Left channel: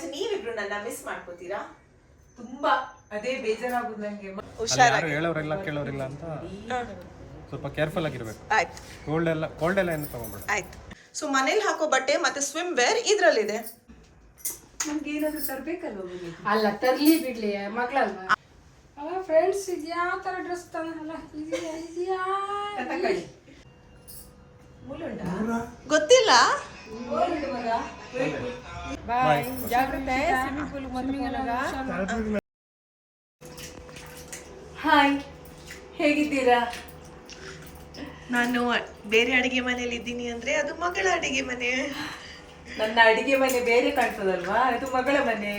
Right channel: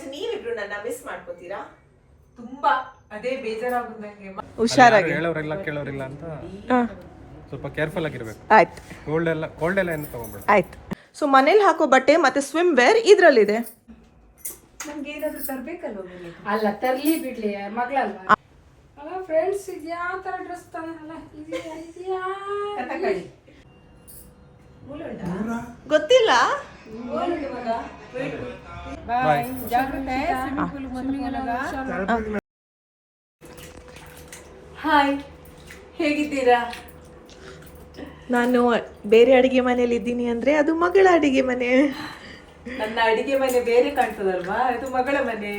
But ನೀವಿಬ್ರು ನನ್ನ miss ಮಾಡ್ಕೋತೀರಾ? ತುಂಬಾ ಅದೇ ಬೇಜಾರಾಗುದು ನಂಗೆ. ಹುಷಾರಾಗಿ ಹೇಳೋರಿಲ್ಲ ಕೇಳೋರಿಲ್ಲ ಅಂತ ಸ್ವಲ್ಪ ಕೇರ್ಫುಲ್ ಆಗಿರ್ಬೇಕು. ಆಯ್ತು. ಕೋಲ್ಡ್ ಎಲ್ಲ ಏನು ತಗೊಂಡ್ಬೇಡ. ಆಯ್ತು. ಸೊ ಮನೇಲಿ ಹಾಕೋ ಬಟ್ಟೆ ಮತ್ತೆ ಸ್ವಿಮ್ ವೇರ್ ಇದ್ರಲ್ಲಿದೆ. ನಮ್ಗೆ ಏನಾದ್ರು ತರ್ಬೇಕಲ್ವ? ಅಲ್ಲ ತರ್ಲಿ ಬಿಡ್ಲಿ ಮಗಳಲ್ವಾ. ಅಲ್ಲ ಫ್ರೆಂಡ್ಸ್ ಇದು ಯಾವ ತರ ಡ್ರೆಸ್ ತಂದಲ್ಲ ಇದೆಯಾ ಕಥಕಳಿ ಗೊತ್ತಿಲ್ಲ. ಬಾಯ್. ಜಾಗ್ರತೆ. ಸ್ವಿಮ್ಮಿಂಗ್ ಪೂಲ್ ಹಾಯ್, ಹೇಗಿದ್ದೀರಾ? ನಾನು ಬೇರೆ ಅಡಿಗೆ ಮನೇಲಿ ಇದ್ದೀನಿ ಅಂದ್ರೆ ಅದು ಮಗಳ ಅಡಿಗೆ ಮನೆ. ನನ್ನ ಅಡಿಗೆ ಮನೆ ಬೇರೆ ಕಾಣ್ತದಲ್ವಾ, ಇದು ಮಗಳ ಮನೆ.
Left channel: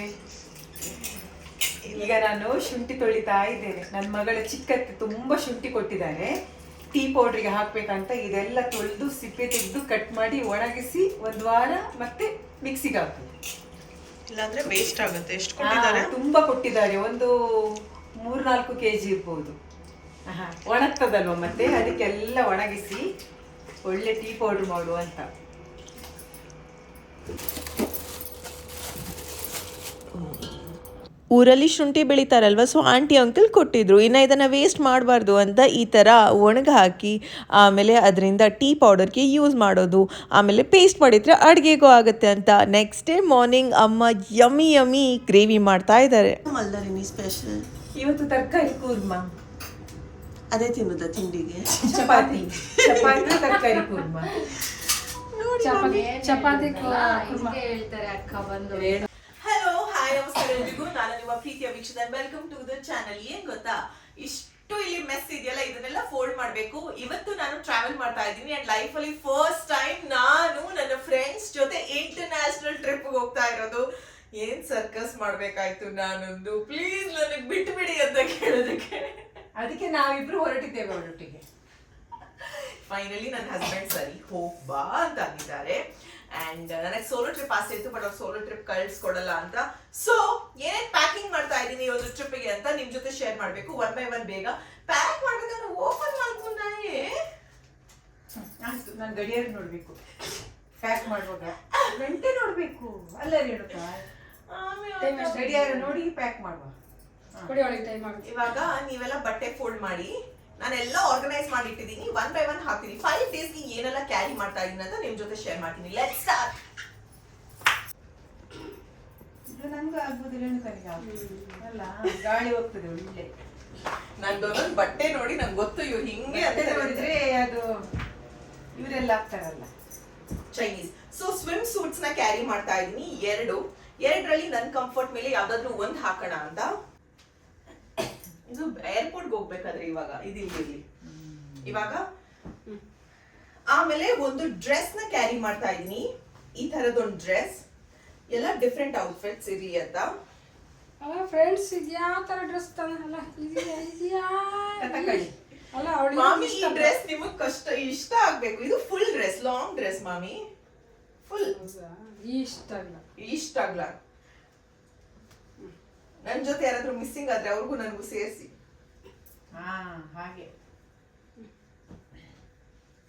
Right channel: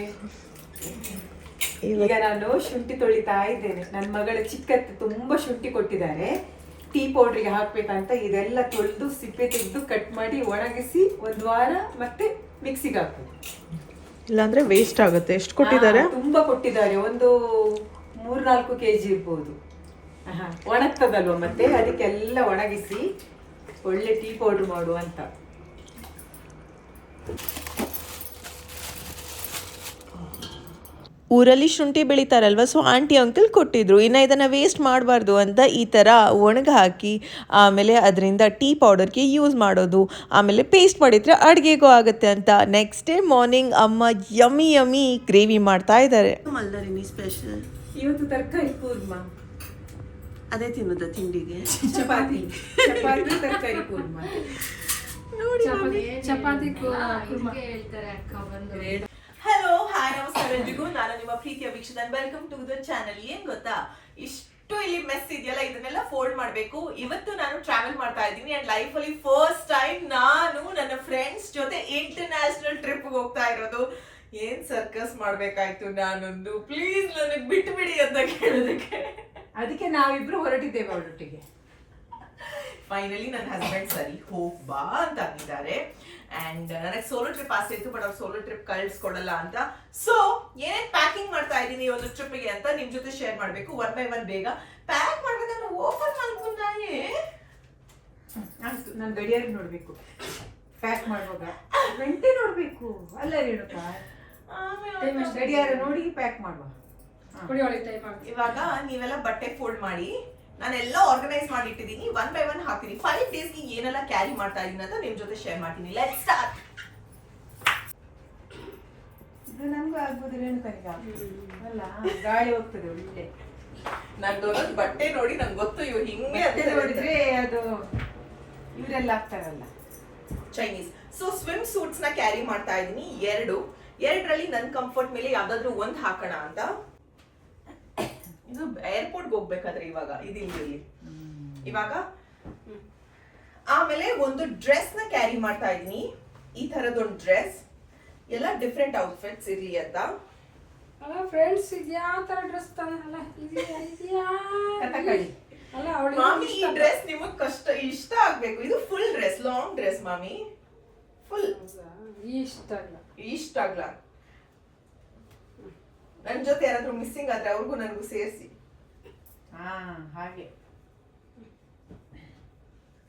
ಈಗ ನಾನು ಶುಂಠಿ ತೊಳಿತಾ ಇದ್ದೇನೆ. ನನ್ನ ಮಗಳ ಚಿಕ್ಕತ್ತೆ ತುಂಬಾ ಶುಂಠಿ ಕೊಟ್ಟಿದ್ದಾರೆ, ಟೀ ಪೌಡ್ರಿಗೆ ಹಾಕ್ಬೇಕಂತ. ಇದೆಲ್ಲ ತೊಳೆದು ಸಿಪ್ಪೆ ತೆಗೆದು ಕಟ್ ಮಾಡಿ ಒಣಗಿಸಿ ಒಂದು ವಾರ ಮತ್ತೆ ಮಿಕ್ಸಿಗೆ ಹಾಕ್ಬೇಕು. ಇಲ್ಲಾಂದ್ರೆ ವೇಸ್ಟ್ ಆಗುತ್ತೆ. ಎಷ್ಟು ಕೊಟ್ಟಿದ್ದಾರೆ? ತುಂಬಾ ಕೊಟ್ಟಿದ್ದಾರೆ, ಒಂದು 3-4 kg ಇರ್ಬೋದು. ಒಣಗ್ತದಲ್ವ, ಮತ್ತೆ ಅದಕ್ಕೆಲ್ಲ ಒಣಗಿಸಿ ಒಳ್ಳೆ ಟೀ ಪೌಡರ್ ಮಾಡುವ ಅಂತ. ಊರಲ್ಲಿ ಶುಂಠಿ ಬೆಳಿತಾರಲ್ವ, ಸೊ ಆಂಟಿ ಅಂಕಲ್ ಕೊಟ್ಟಿದ್ರು. ಇನ್ನು ಇದನ್ನು ವೇಸ್ಟ್ ಮಾಡಬಾರ್ದು ಅಂತ ಈ ಥರ ಒಣಗ ಹಾಕಿ ಆಮೇಲೆ ಅದರಿಂದ ಟೀ ಪೌಡರ್ಗೆ ಯೂಸ್ ಮಾಡೋದು, ಆಮೇಲೆ ಪೇಸ್ಟ್ ಮಾಡಿದರೆ ಅಡುಗೆಗೂ ಆಗುತ್ತೆ ಅಂತ. ನೆಕ್ಸ್ಟ್ ಡೇ ಮಾರ್ನಿಂಗ್ ಅಮ್ಮ ಯಮ್ಮಿ ಯಮ್ಮಿ ಗ್ರೇವಿ ಮಾಡ್ತಾ ಇದ್ದಾರೆ. ಮಲ್ದಾರಿನಿ ಸ್ಪೆಷಲ್ ಇವತ್ತು ತರಕಾರಿ ಕೂರ್ಮಾ. ಅದೇ ತಿನ್ನೋದ ತಿಂಡಿಗೆ? ಚಪಾತಿ ತರಕಾರಿ ಕೂರ್ಮಾ. ಚಪಾತಿ ಹಲೋ, ಹಾಯ್, ನಮಸ್ಕಾರ ಎಲ್ರಿಗೂ. ನಾನು ನಿಮ್ಮ ಪ್ರೀತಿಯ ವೀಕ್ಷಕ. Welcome to the channel. ಏನ್ ಗೊತ್ತಾ, ಇಷ್ಟು ಇಲ್ಲಿ ಮೆಸ್ ಇದೆಯಲ್ಲ, ಇದನ್ನೆಲ್ಲ ಫೋಲ್ಡ್ ಮಾಡ್ಬೇಕು. ಇವತ್ತು ನಾನು ಟ್ರಾವೆಲ್ ಮಾಡ್ತಾ ಇದ್ದೀನಿ ಅಂಡ್ ಲೈಫ್ ಅಲ್ಲಿ ಫಸ್ಟ್ ಟೈಮ್ ನಾನು ನನ್ನ ಫ್ರೆಂಡ್ಸ್ ಜೊತೆ ಇಂಟರ್ನ್ಯಾಷನಲ್ ಟ್ರಿಪ್ ಹೋಗ್ತಾ ಇರೋದು. ಏನ್ ಸರ್ಕಸ್ ಮಾಡ್ಬೇಕಾಯ್ತು ನಾನೊಂದು. ಪ್ಲೀಸ್ ನನಗೆ ಬಿಟ್ಟು ಬಿಡಿ ಅಂತ ಕೇಳೋದಕ್ಕೆ ಅದಕ್ಕೆ ನಾವಿಬ್ರು ಹೊರಟಿದ್ದೇವೆ ಅವರೊಟ್ಟಿಗೆ. ಫೈನಲಿ ನನ್ನ ಹಸ್ಬೆಂಡ್ ಸರಿ ಹೋಗ್ ಬಾ ಅಂತ ಅಂದಿದ್ದಾರೆ. ಅಂಡ್ ನನಗೆ ಸೋಲೋ ಟ್ರಿಪ್ ಆಸೆ ಇತ್ತು, ಬಟ್ ಅವ್ರು ಸೋಲೋ ಟ್ರಿಪ್ ಕಳ್ಸ್ಕೊಡಲ್ಲ ಅಂತ. ಸೊ ಏನೇನ್ ಪ್ಯಾಕಿಂಗ್ ಮಾಡ್ತಾ ಇದ್ದೀನಿ ಒಂದು ಟ್ರಿಪ್ಗೆ ಅಂತ ನಿಮ್ ಜೊತೆ ಶೇರ್ ಮಾಡ್ಬೇಕು. 1 by 1 ಬೇಗ ಪ್ಯಾಕ್ ಮಾಡ್ಬೇಕಂದ್ರೆ ಓಪನ್ ಮಾಡ್ಕೊಂಡಾಗೆ ನಾನು ಗಡಿಯಾರ ನೋಡ್ಬೇಕು, ಪ್ಯಾಕ್ ಮಾಡುವಾಗ ಗಂಟೆ ನೋಡ್ಬೇಕು, ಅಲ್ಲ ಹೇಳುತ್ತ ಗಡಿಯಾರ ನೋಡಿ ಪ್ಯಾಕ್ ಮಾಡುವ. ಇವಾಗ ನೀವೆಲ್ಲ ಬಟ್ಟೆ ಫೋಲ್ಡ್ ಮಾಡಿ ನಾನೆಲ್ಲ ಆರ್ಗನೈಸ್ ಮಾಡಿ ಇಟ್ಟಿದ್ದೀನಿ. 1 by 1 ಹಾಕ್ತೀನಿ. 5 days ಏನೆಲ್ಲ ಕ್ಯಾರಿ ಮಾಡ್ತಾ ಇದೀನಿ ಅಂತ ನಿಮ್ ಜೊತೆ ಶೇರ್ ಮಾಡ್ತೀನಿ. Let's start. ಇದು ನನ್ಗೂ ಆಗ್ಬೋದು, ರೇಣುಕನಿಗೆ ಅಲ್ಲ, ಗಾಳಿ ಹೋಗ್ತದೆ ಒಳ್ಳೆ. ನಂದು ಬಟ್ಟೆ ನೋಡಿ ನಂಗೆ ಗೊತ್ತು ಇವ್ ಹಿಂಗೆ ಅದೇ ನೋಡಿದ್ರೆ ಅದು ಇವರೆಲ್ಲ ಆಗ್ತಾರಲ್ಲ ಚೈನೀಸ್. ಸೊ ಸ್ವಿಮ್ ಸೂಟ್ಸ್ ನ ಕ್ಯಾರಿ ಮಾಡ್ತಾ ಇದೀನಿ. ಎರಡರಲ್ಲಿ ನನ್ ಕಂಫರ್ಟ್ ಮೇಲೆ ಯಾವ್ದಾದ್ರು ಒಂದ್ ಹಾಕೋಣ ಅಂತ. ಇದು ಏರ್ಪೋರ್ಟ್ಗೆ ಹೋಗ್ಬೇಕಾದ್ರೆ ಇವಾಗ ಇದಿಲ್ಲಿ ಇವಾಗ. ಆಮೇಲೆ ಒಂದು ಡ್ರೆಸ್ ನ ಕ್ಯಾರಿ ಮಾಡ್ತಾ ಇದೀನಿ, ಈ ತರದೊಂದು ಡ್ರೆಸ್. ಎಲ್ಲ ಡಿಫ್ರೆಂಟ್ ಔಟ್ಫಿಟ್ಸ್ ಇರ್ಲಿ ಅಂತ. ಅಲ್ಲ ಫ್ರೆಂಡ್ಸ್ ಇದು ಯಾವ ತರ ಡ್ರೆಸ್ ತಂದಲ್ಲ ಇದೆಯಾ ಕಥಕಳಿ. ಅಲ್ಲ ಮಾಮಿ, ಈ ಡ್ರೆಸ್ ನಿಮಗ್ ಇಷ್ಟ ಆಗ್ಬೇಕು. ಇದು ಫುಲ್ ಡ್ರೆಸ್, ಲಾಂಗ್ ಡ್ರೆಸ್ ಮಾಮಿ, ಫುಲ್ ಇಷ್ಟ ಆಗ್ಲ. ನನ್ ಜೊತೆ ಯಾರಾದ್ರೂ ಮಿಸ್ಸಿಂಗ್ ಆದ್ರೆ ಅವ್ರಿಗೂ ನನಗೂ ಸೇರಿಸಿ. ಹಾಗೆ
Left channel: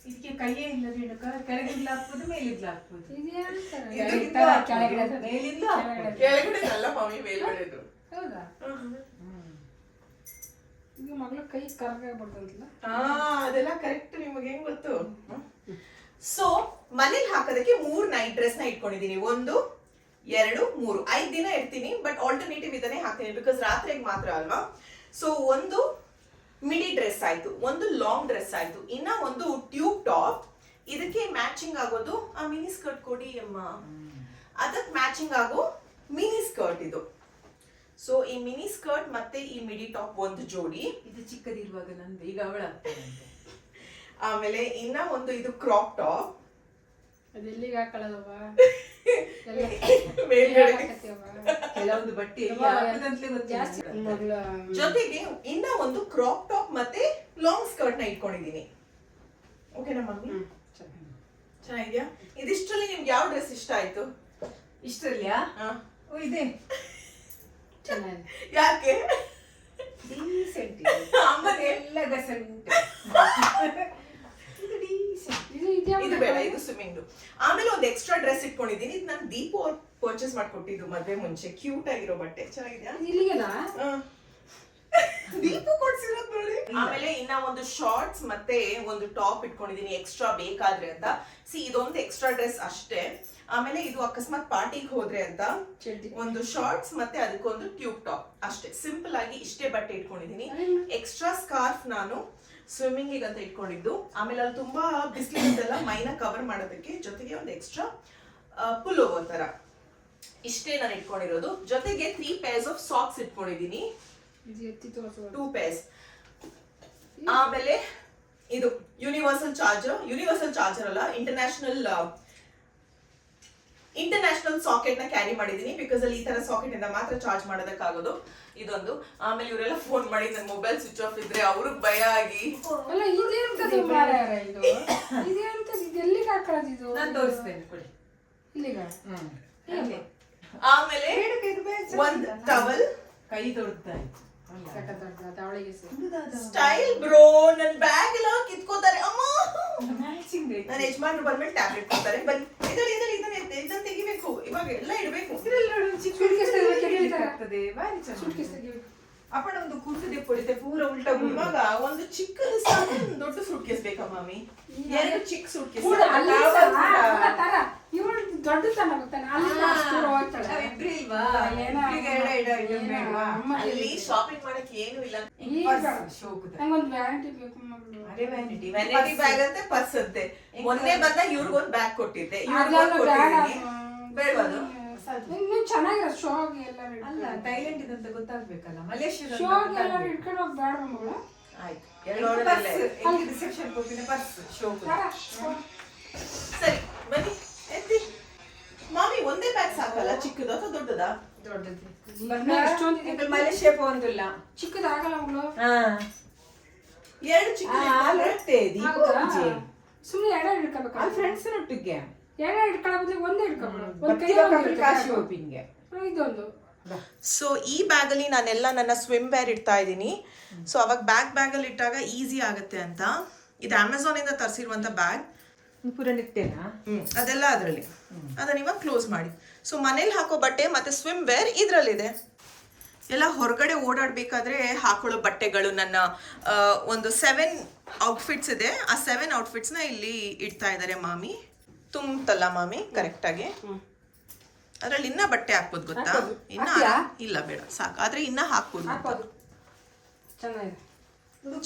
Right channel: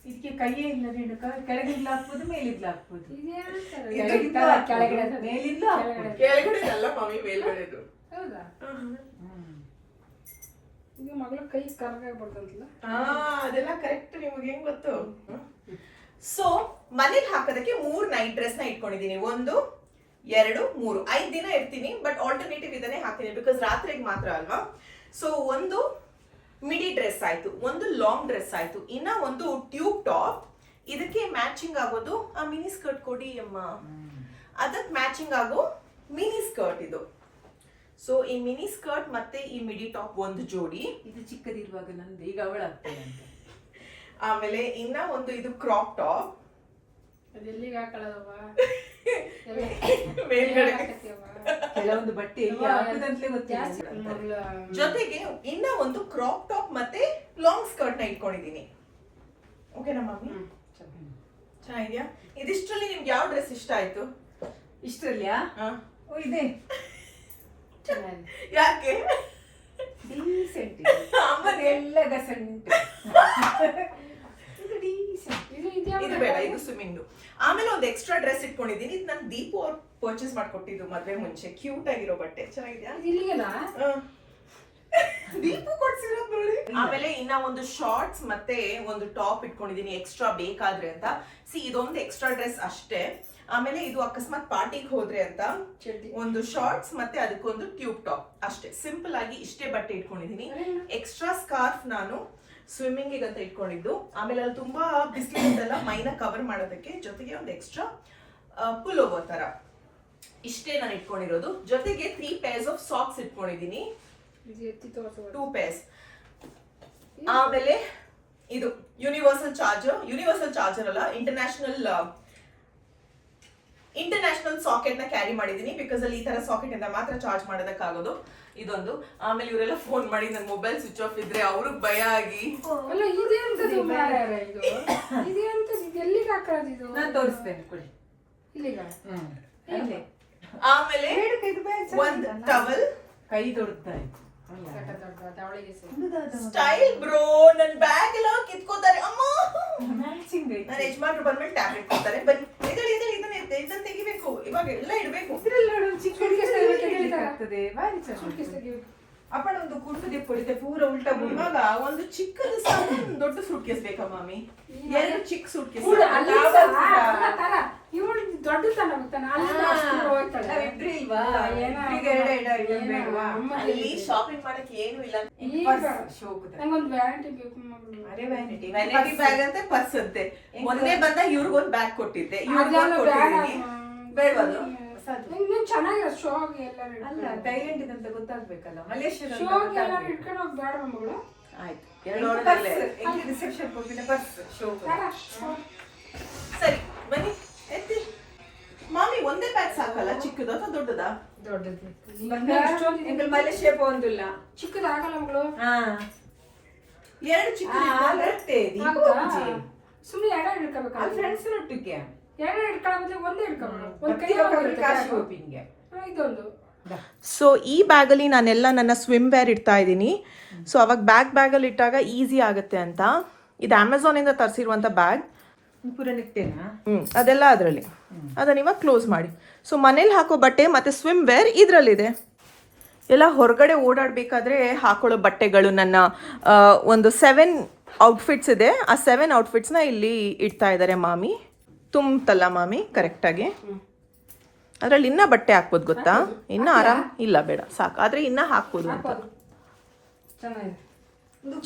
ಇದಕ್ಕೆ ಕೈಯೇ ಇಲ್ಲ ರೇಣುಕ, ಕೆಳಗಿಂದ ಹಾಕ್ಬೋದು, ಮೇಲಿಂದ ಹಾಕ್ಬೋದು. ಕೆಳಗಡೆ ಅಲ್ಲ ಮಮ್ಮಿ, ಮೇಲ್ಗಡೆದು. ಹೌದಾ? ಈಗ ಮಗಳ ಕೈ ಕರ್ಗಾಗ್ಬಾರ್ದಂತಿಲ್ಲ. ಅದೆಲ್ಲ ಕರೆಕ್ಟ್. ನಿಮಗೆ ಹೆಂಗ್ ಗೊತ್ತು? ಸೊ ಮನೇಲಿ ಹಾಕೋದಕ್ಕೆ 3 ನೈಟ್ ಡ್ರೆಸ್ ನ ಇಟ್ಕೊಂಡಿದೀನಿ. 1, 2, 3 5 ದಿನ ಇರ್ತೀನಿ. ಬಟ್ ಆಲ್ಟರ್ನೇಟಿವ್ ಇದನ್ನೇ ಹಾಕ್ತೀನಿ, ಬಿಕಾಸ್ ರಾತ್ರಿಗೆ ಮಾತ್ರ ಅಲ್ವಾ. ಸೊ ಒಂದು ಮಿಡಿ ಡ್ರೆಸ್ ಆಯ್ತು, ಒಂದು ಲಾಂಗ್ ಡ್ರೆಸ್ ಆಯ್ತು, ಇನ್ನ ಒಂದು ಟ್ಯೂಬ್ ಟಾಪ್. ಇದಕ್ಕೆ ಮ್ಯಾಚಿಂಗ್ ಆಗೋದು ಆ ಮಿನಿ ಸ್ಕರ್ಟ್ ಕೊಡಿ ಅಮ್ಮ, ಅದಕ್ಕೆ ಮ್ಯಾಚಿಂಗ್ ಆಗೋ ಮಿನಿ ಸ್ಕರ್ಟ್ ಇದು. ಸೊ ಈ ಮಿನಿ ಸ್ಕರ್ಟ್ ಮತ್ತೆ ಈ ಮಿಡಿ ಟಾಪ್ ಒಂದು ಜೋಡಿ. ಇದು ಚಿಕ್ಕದಿರುವಾಗ ನಂದು, ಈಗ ಅವಳಾಗ್ತಾನಂತೆ. ಆಮೇಲೆ ಇನ್ನ ಒಂದು ಇದು ಕ್ರಾಪ್ ಟಾಪ್. ಅದೆಲ್ಲಿಗೆ ಹಾಕೊಳ್ಳೋದವ್ವ? ಕೆಲವೊಂದು ಬಟ್ಟೆ ಹಾಕದಂತಲೇ ಗೊತ್ತಿಲ್ಲ. ಜೊತೆಗೆ ಇನ್ನ ಒಂದು ಕ್ರಾಪ್ ಟಾಪ್ ಮತ್ತೆ ಲಾಂಗ್ ಸ್ಕರ್ಟ್ ನ ಇಟ್ಕೊಂಡಿದೀನಿ. ಓಕೆನಾ ಮಮ್ಮಿ? ಚೆನ್ನಾಗಿದ್ಯಾ? ಇದಿಷ್ಟರಲ್ಲಿ ನಿಮ್ಗೆ ಯಾವ ಡ್ರೆಸ್ ಇಷ್ಟ ಆಯ್ತು? ಇಷ್ಟರಲ್ಲಿಯಾ? ಇದೆ. ಯಾಕೆ? ಡೀಸೆಂಟ್. ಅಮ್ಮನೆಲ್ಲ ಗಸೆಂಟ್. ಇದು ಡೀಸೆಂಟ್. ಇದು ಇದು ಬೇಡ, ಇದು ಸ್ವಿಮ್ಮಿಂಗ್. ಆಮೇಲೆ ಒಂದು ಎಕ್ಸ್ಟ್ರಾ ಡ್ರೆಸ್ ಇಟ್ಕೊಂಡಿದೀನಿ. ಇದು ನಾನು ದೀಪು ಅವ್ರು ಪರ್ಚೇಸ್ ಮಾಡ್ಕೊಟ್ಟಿದ್ದು ಮದ್ವೆ ಮುಂಚೆ. ಕ್ಯೂಟ್ ಆಗಿರೋ ಬಟ್ಟೆ, ಚೆನ್ನಾಗಿದ್ಯಾ? ಇಲ್ಲಿಗೆನಾ ದೀಪು ಕೊಡ್ಸಿರೋದು ನೋಡಿ. ಆಮೇಲೆ ಇನ್ನ ಒಂದು ಶಾರ್ಟ್ಸ್ ಮತ್ತೆ ಒಂದು ಟಾಪ್ ಇಟ್ಕೊಂಡಿದೀನಿ ಎಕ್ಸ್ಟ್ರಾ ಬೇಕಾದ್ರೆ ಅಂತ. ಇದೊಂದು ಎಕ್ಸ್ಟ್ರಾ ಡ್ರೆಸ್ ಅಷ್ಟೇ. ಆಮೇಲೆ ಇದು ಅಕಸ್ಮಾತ್ ಪಾರ್ಟಿಗೆ ಹೋದ್ರೆ ಅಂತ ಒಂದು ಶಾರ್ಟ್ಸ್ ಮತ್ತೆ ಅದಕ್ಕೊಂದು ಟ್ಯೂಬ್ ಟಾಪ್ ಅಷ್ಟೇ. ಸಿಂಪಲ್ ಆಗಿ ಇಷ್ಟೇ ಬಟ್ಟೆ ಇಟ್ಕೊಂಡಿದೀನಿ. ಎಕ್ಸ್ಟ್ರಾ ಸ್ಕಾರ್ಫ್ ನಾನು ಸ್ವಿಮ್ಮಿಂಗ್ ಅಂತ ಇಟ್ಕೊಂಡಿದ್ದು. ಆಮೇಲೆ ಅಲ್ಲಿ ತುಂಬಾ ಬಿಸಿಲಿರುತ್ತಲ್ಲ, ಮೈನ ಕವರ್ ಮಾಡೋದಕ್ಕೆ. ಜೊತೆಗೆ ಒಂದು ಎಕ್ಸ್ಟ್ರಾ ಪುಲ್ ಓವರ್ ತರ. ಇಷ್ಟೇ ನಾನು ಇಟ್ಕೊಂಡಿರೋದು. ಜೊತೆಗೆ 3 pairs ಆಫ್ ಸಾಕ್ಸ್ ಇಟ್ಕೊಂಡಿದೀನಿ, 2 pairs. ಆಮೇಲೆ ಇದು ಯೂನಿವರ್ಸಲ್ ಚಾರ್ಜರ್ ಅಲ್ಲ, ಇಂಟರ್ನ್ಯಾಷನಲ್ ಸಾಕೆಟ್ ನ ಕ್ಯಾರಿ ಮಾಡಿದೀನಿ. ಬಿಕಾಸ್ ಅಲ್ಲಿ ಈ ತರ ಸಾಕೆಟ್ ಇಂದ ಮಾತ್ರ ಚಾರ್ಜ್ ಮಾಡೋದಕ್ಕಾಗೋದು. ಇದೊಂದು. ಆಮೇಲೆ ಇವರೆಲ್ಲ ಫೋನ್ ಮಾಡಿ ನನ್ನ ಮೊಬೈಲ್ ಸ್ವಿಚ್ ಆಫ್ ಇದ್ರೆ ಅವ್ರಿಗೆ ಭಯ ಆಗಿ, ಅಲ್ಲ ಇದೆಂತದ್ದು ಮಾರಾಯ ಇದು? ಇದೆಂತದ್ದು? ಇದೆಲ್ಲಿಗೆ ಹಾಕೊಳ್ಳೋದು? ನಾನು ತೋರಿಸ್ತೇನೆ ಕೊಡಿ. ಇಲ್ಲಿಗೆ ಆಮೇಲೆ ಒಂದು ಟವಲ್. ಕೈ ತೊಡುತ್ತಾರೆ ಸ್ಟೈಲ್ ಬ್ರೋ. ನನ್ ಬ್ಯಾಗ್ ಎಲ್ಲ ಕಿತ್ಕೋತಾರೆ ಅಮ್ಮ. ನನ್ನ ಯಜಮಾನ್ರು ಬಂದ್ಮೇಲೆ ಟ್ಯಾಬ್ಲೆಟ್ ಕೊಡ್ತಾರೆ. ಬನ್ನಿ ಇದನ್ನ ತೆಗಿಬೇಕು, ಇವಾಗ ಎಲ್ಲ ಇಡ್ಬೇಕು. ಅಪ್ಪಣ ಒಂದು ಕುಂಟು ದಿಪ್ಪೊಡಿತೆ ಪೂರ ಉಲ್ಟಾ. ಇವಾಗ ಒಂದು ಚಿಕ್ಕದು ಸಾಕು, ದೊಡ್ಡ ಸೂಟ್ ಕೇಸ್ ಬೇಕಾ ಮಾಮಿ? 2 ಚಿಕ್ಕ ಸೂಟ್ ಕೇಸ್. ಇವಳು ದೊಡ್ಡ ತನ ಗೊತ್ತಾನ ಅಲ್ಲಿ ಶಾಪಿಂಗ್ ಮಾಡಕ್ ಏನು ಇಲ್ಲ. ನಂಗೊಂದು ವ್ಯಾನಿಟಿ ಬೇಕು ಮಗಳು. ವ್ಯಾನಿಟಿ ಬ್ಯಾಗ್ ಅಂತೆ, ಪರ್ಸ್ ಅಂತೆ. ಒಂದೇ ಬಂದ ಇವ್ರಿಗೊಂದು ಬ್ಯಾಗ್ ಕೊಟ್ಟಿದ್ದೆ, ಇವ್ರಿಗೊಂದು ಕೊಟ್ಟಿದ್ದೀನಿ. ಬೇಡವದು ಚೆನ್ನಾಗಿರೋ ಶೋಗೆ ಎಲ್ಲ ಅಲ್ಲ, ಥೈಲ್ಯಾಂಡ್ ಇದಂತ ಗೊತ್ತಾಗ್ಬೇಕಲ್ಲ. ಮಲೇಷ್ಯಾ ಶೋಗೆ ಎಲ್ಲ ಇಟ್ಕೊಂಡು ಹೋಗಿ ಬೇಡ ಮಗಳು. ಆಯ್ತು, ರಿಸೆಪ್ಷನ್ ಹೋಗಿನ ಪರ್ಸ್ ಶೋ. ಸರಿ ಬನ್ನಿ ಎತ್ತಿ. ಮಾಮಿ ಒಂದೇ ಬ್ಯಾಗ್ ಸಾಕಲ್ಲ? ಚಿಕ್ಕದ ಅಥವಾ ದೊಡ್ಡದಾ? ದೊಡ್ಡದು. ಮಲೇಷ್ಯಾ ಪೋಂದಿಲ್ಲ, ಚಿಕ್ಕದಾಗಲ್ಲ ಮಗಳು. 2 ಚಿಕ್ಕದು ಸುಮ್ಮನೆ 2 ಹಿಡ್ಕೋಬೇಕಾ? ಫ್ರೆಂಡ್ಸ್ ಒಟ್ಟಿಗೆ 2 ಹಿಡ್ಕೊಳ್ಳೋ ಒಂದೇ ಹಿಡ್ಕೊಬೋದು. ಕಾಶಿ ಹೋಪಿಂಗೆ ಇದೊಂದು. ಸೊ ಈ ಬ್ಯಾಗಲ್ಲಿ ನಾನೆಲ್ಲ ನನ್ನ ಸ್ವಿಮ್ ವೇರ್ ಇಡ್ತಾ ಇದ್ದೀನಿ. ಸೊ ಅವಾಗ ಬ್ಯಾಗಲ್ಲಿ ಇಟ್ಟಾಗ ಈಸಿ ಆಗುತ್ತೆ ಅಂತ. ಇದು ಅಮೆಝಾನಿಂದ ತರಿಸಿರುವಂಥ ಬ್ಯಾಗ್. ಪೂರ ನಿಟ್ಟೆನಾ? ಅದೆಲ್ಲ ಅದರಲ್ಲಿ. ಅದನ್ನ ಇವಾಗ ಕ್ಲೋಸ್ ಮಾಡಿ. ಸೊ ಮನೇಲಿ ಹಾಕೋ ಬಟ್ಟೆ ಮತ್ತು ಸ್ವಿಮ್ ವೇರ್ ಇದರಲ್ಲಿದೆ. ಎಲ್ಲ ಹೊರಗಡೆ ಓಡಾಡಬೇಕಾದ್ರೆ ಹಾಕೊಳ್ಳೋ ಬಟ್ಟೆಗಳು ನನ್ನ ಒಂದು 7 ಔಟ್ಫಿಟ್ಸ್ ಇದೆ. ಆ 7 ಔಟ್ಫಿಟ್ಸ್ನ ಇಲ್ಲಿ ಇಡ್ತಾ ಇದ್ದಾರೆ ಮಾಮಿ. ತುಂಬಲ್ಲ ಮಾಮಿ ಕರೆಕ್ಟಾಗಿ. ಅದ್ರಲ್ಲಿ ಇನ್ನ ಬಟ್ಟೆ ಹಾಕ್ಬೋದು ಗೊತ್ತಾ? ಇನ್ನ ಆರಾಮ್ ಇಲ್ಲ, ಬೇಡ ಸಾಕು. ಆದ್ರೆ ಇನ್ನ ಹಾಕ್ಬೋದು ಅಂತ.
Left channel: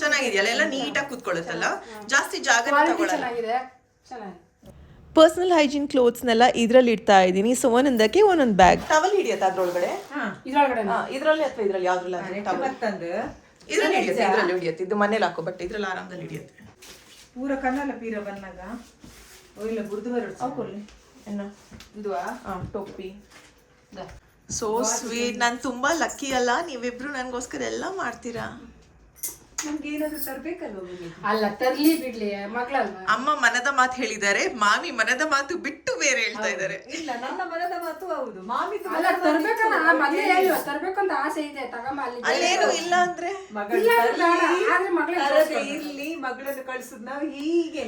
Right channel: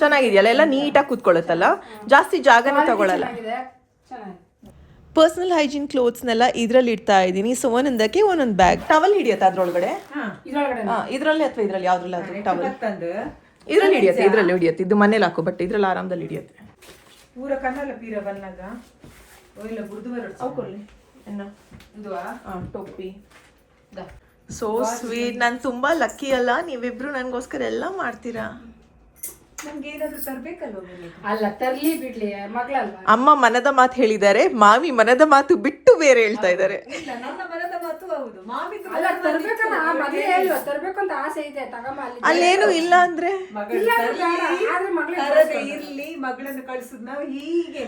ಚೆನ್ನಾಗಿದೆಯಲ್ಲ, ಎಲ್ಲ ನೀಟಾಗಿ ಕೂತ್ಕೊಳ್ಳುತ್ತಲ್ಲ, ಜಾಸ್ತಿ ಜಾಗನೇ ತಗೊಳ್ಳಲ್ಲ. ಪರ್ಸನಲ್ ಹೈಜೀನ್ ಕ್ಲೋತ್ಸ್ನೆಲ್ಲ ಇದ್ರಲ್ಲಿ ಇಡ್ತಾ ಇದ್ದೀನಿ. ಸೊ ಒಂದೊಂದಕ್ಕೆ ಒಂದೊಂದು ಬ್ಯಾಗ್. ಟವಲ್ ಹಿಡಿಯುತ್ತೆ ಅದ್ರೊಳಗಡೆ? ಇದ್ರಲ್ಲಿ ಅಥವಾ ಇದ್ರಲ್ಲಿ ಯಾವ್ದ್ರಲ್ಲಿ? ಇದ್ರಲ್ಲಿ ಹಿಡಿಯುತ್ತೆ. ಇದು ಮನೇಲಿ ಹಾಕೋ ಬಟ್ಟೆ ಇದ್ರಲ್ಲಿ ಆರಾಮದಲ್ಲಿ ಹಿಡಿಯುತ್ತೆ. ಪೂರ ಕಣ್ಣಲ್ಲ ಪೀರ ಬಂದಾಗ ಇಲ್ಲ ಗುರ್ದು ಬರೋದು. ಟೊಪ್ಪಿ. So sweet. ನಾನು ತುಂಬಾ ಲಕ್ಕಿ ಅಲ್ಲ, ನೀವಿಬ್ರು ನನಗೋಸ್ಕರ ಎಲ್ಲ ಮಾಡ್ತೀರಾ. ನಮ್ಗೆ ಏನಾದ್ರು ತರ್ಬೇಕಲ್ವ? ಅಲ್ಲ ತರ್ಲಿ ಬಿಡ್ಲಿ ಮಗಳಲ್ವಾ. ಅಮ್ಮ ಮನದ ಮಾತು ಹೇಳಿದ್ದಾರೆ, ಮಾವಿ ಮನದ ಮಾತು ಬಿಟ್ಟು ಬೇರೆ ಹೇಳ್ತಾ ಇದ್ದಾರೆ. ಇಲ್ಲ, ನನ್ನ ಮನದ ಮಾತು ಹೌದು. ಮಾಮಿ ಅಲ್ಲ ತರ್ಬೇಕಲ್ಲ, ಮದ್ವೆ ಹೇಳುವ ತರ್ಬೇಕಂತ ಆಸೆ ಇದೆ. ತಗೊಂಬ ಅಲ್ಲೇನು ಇಲ್ಲ ಅಂದ್ರೆ ಇರ್ಲಿ, ಮಗಳನ್ನು ಕಳ್ಸುದ್ ನಾವು ಹೀಗೆ.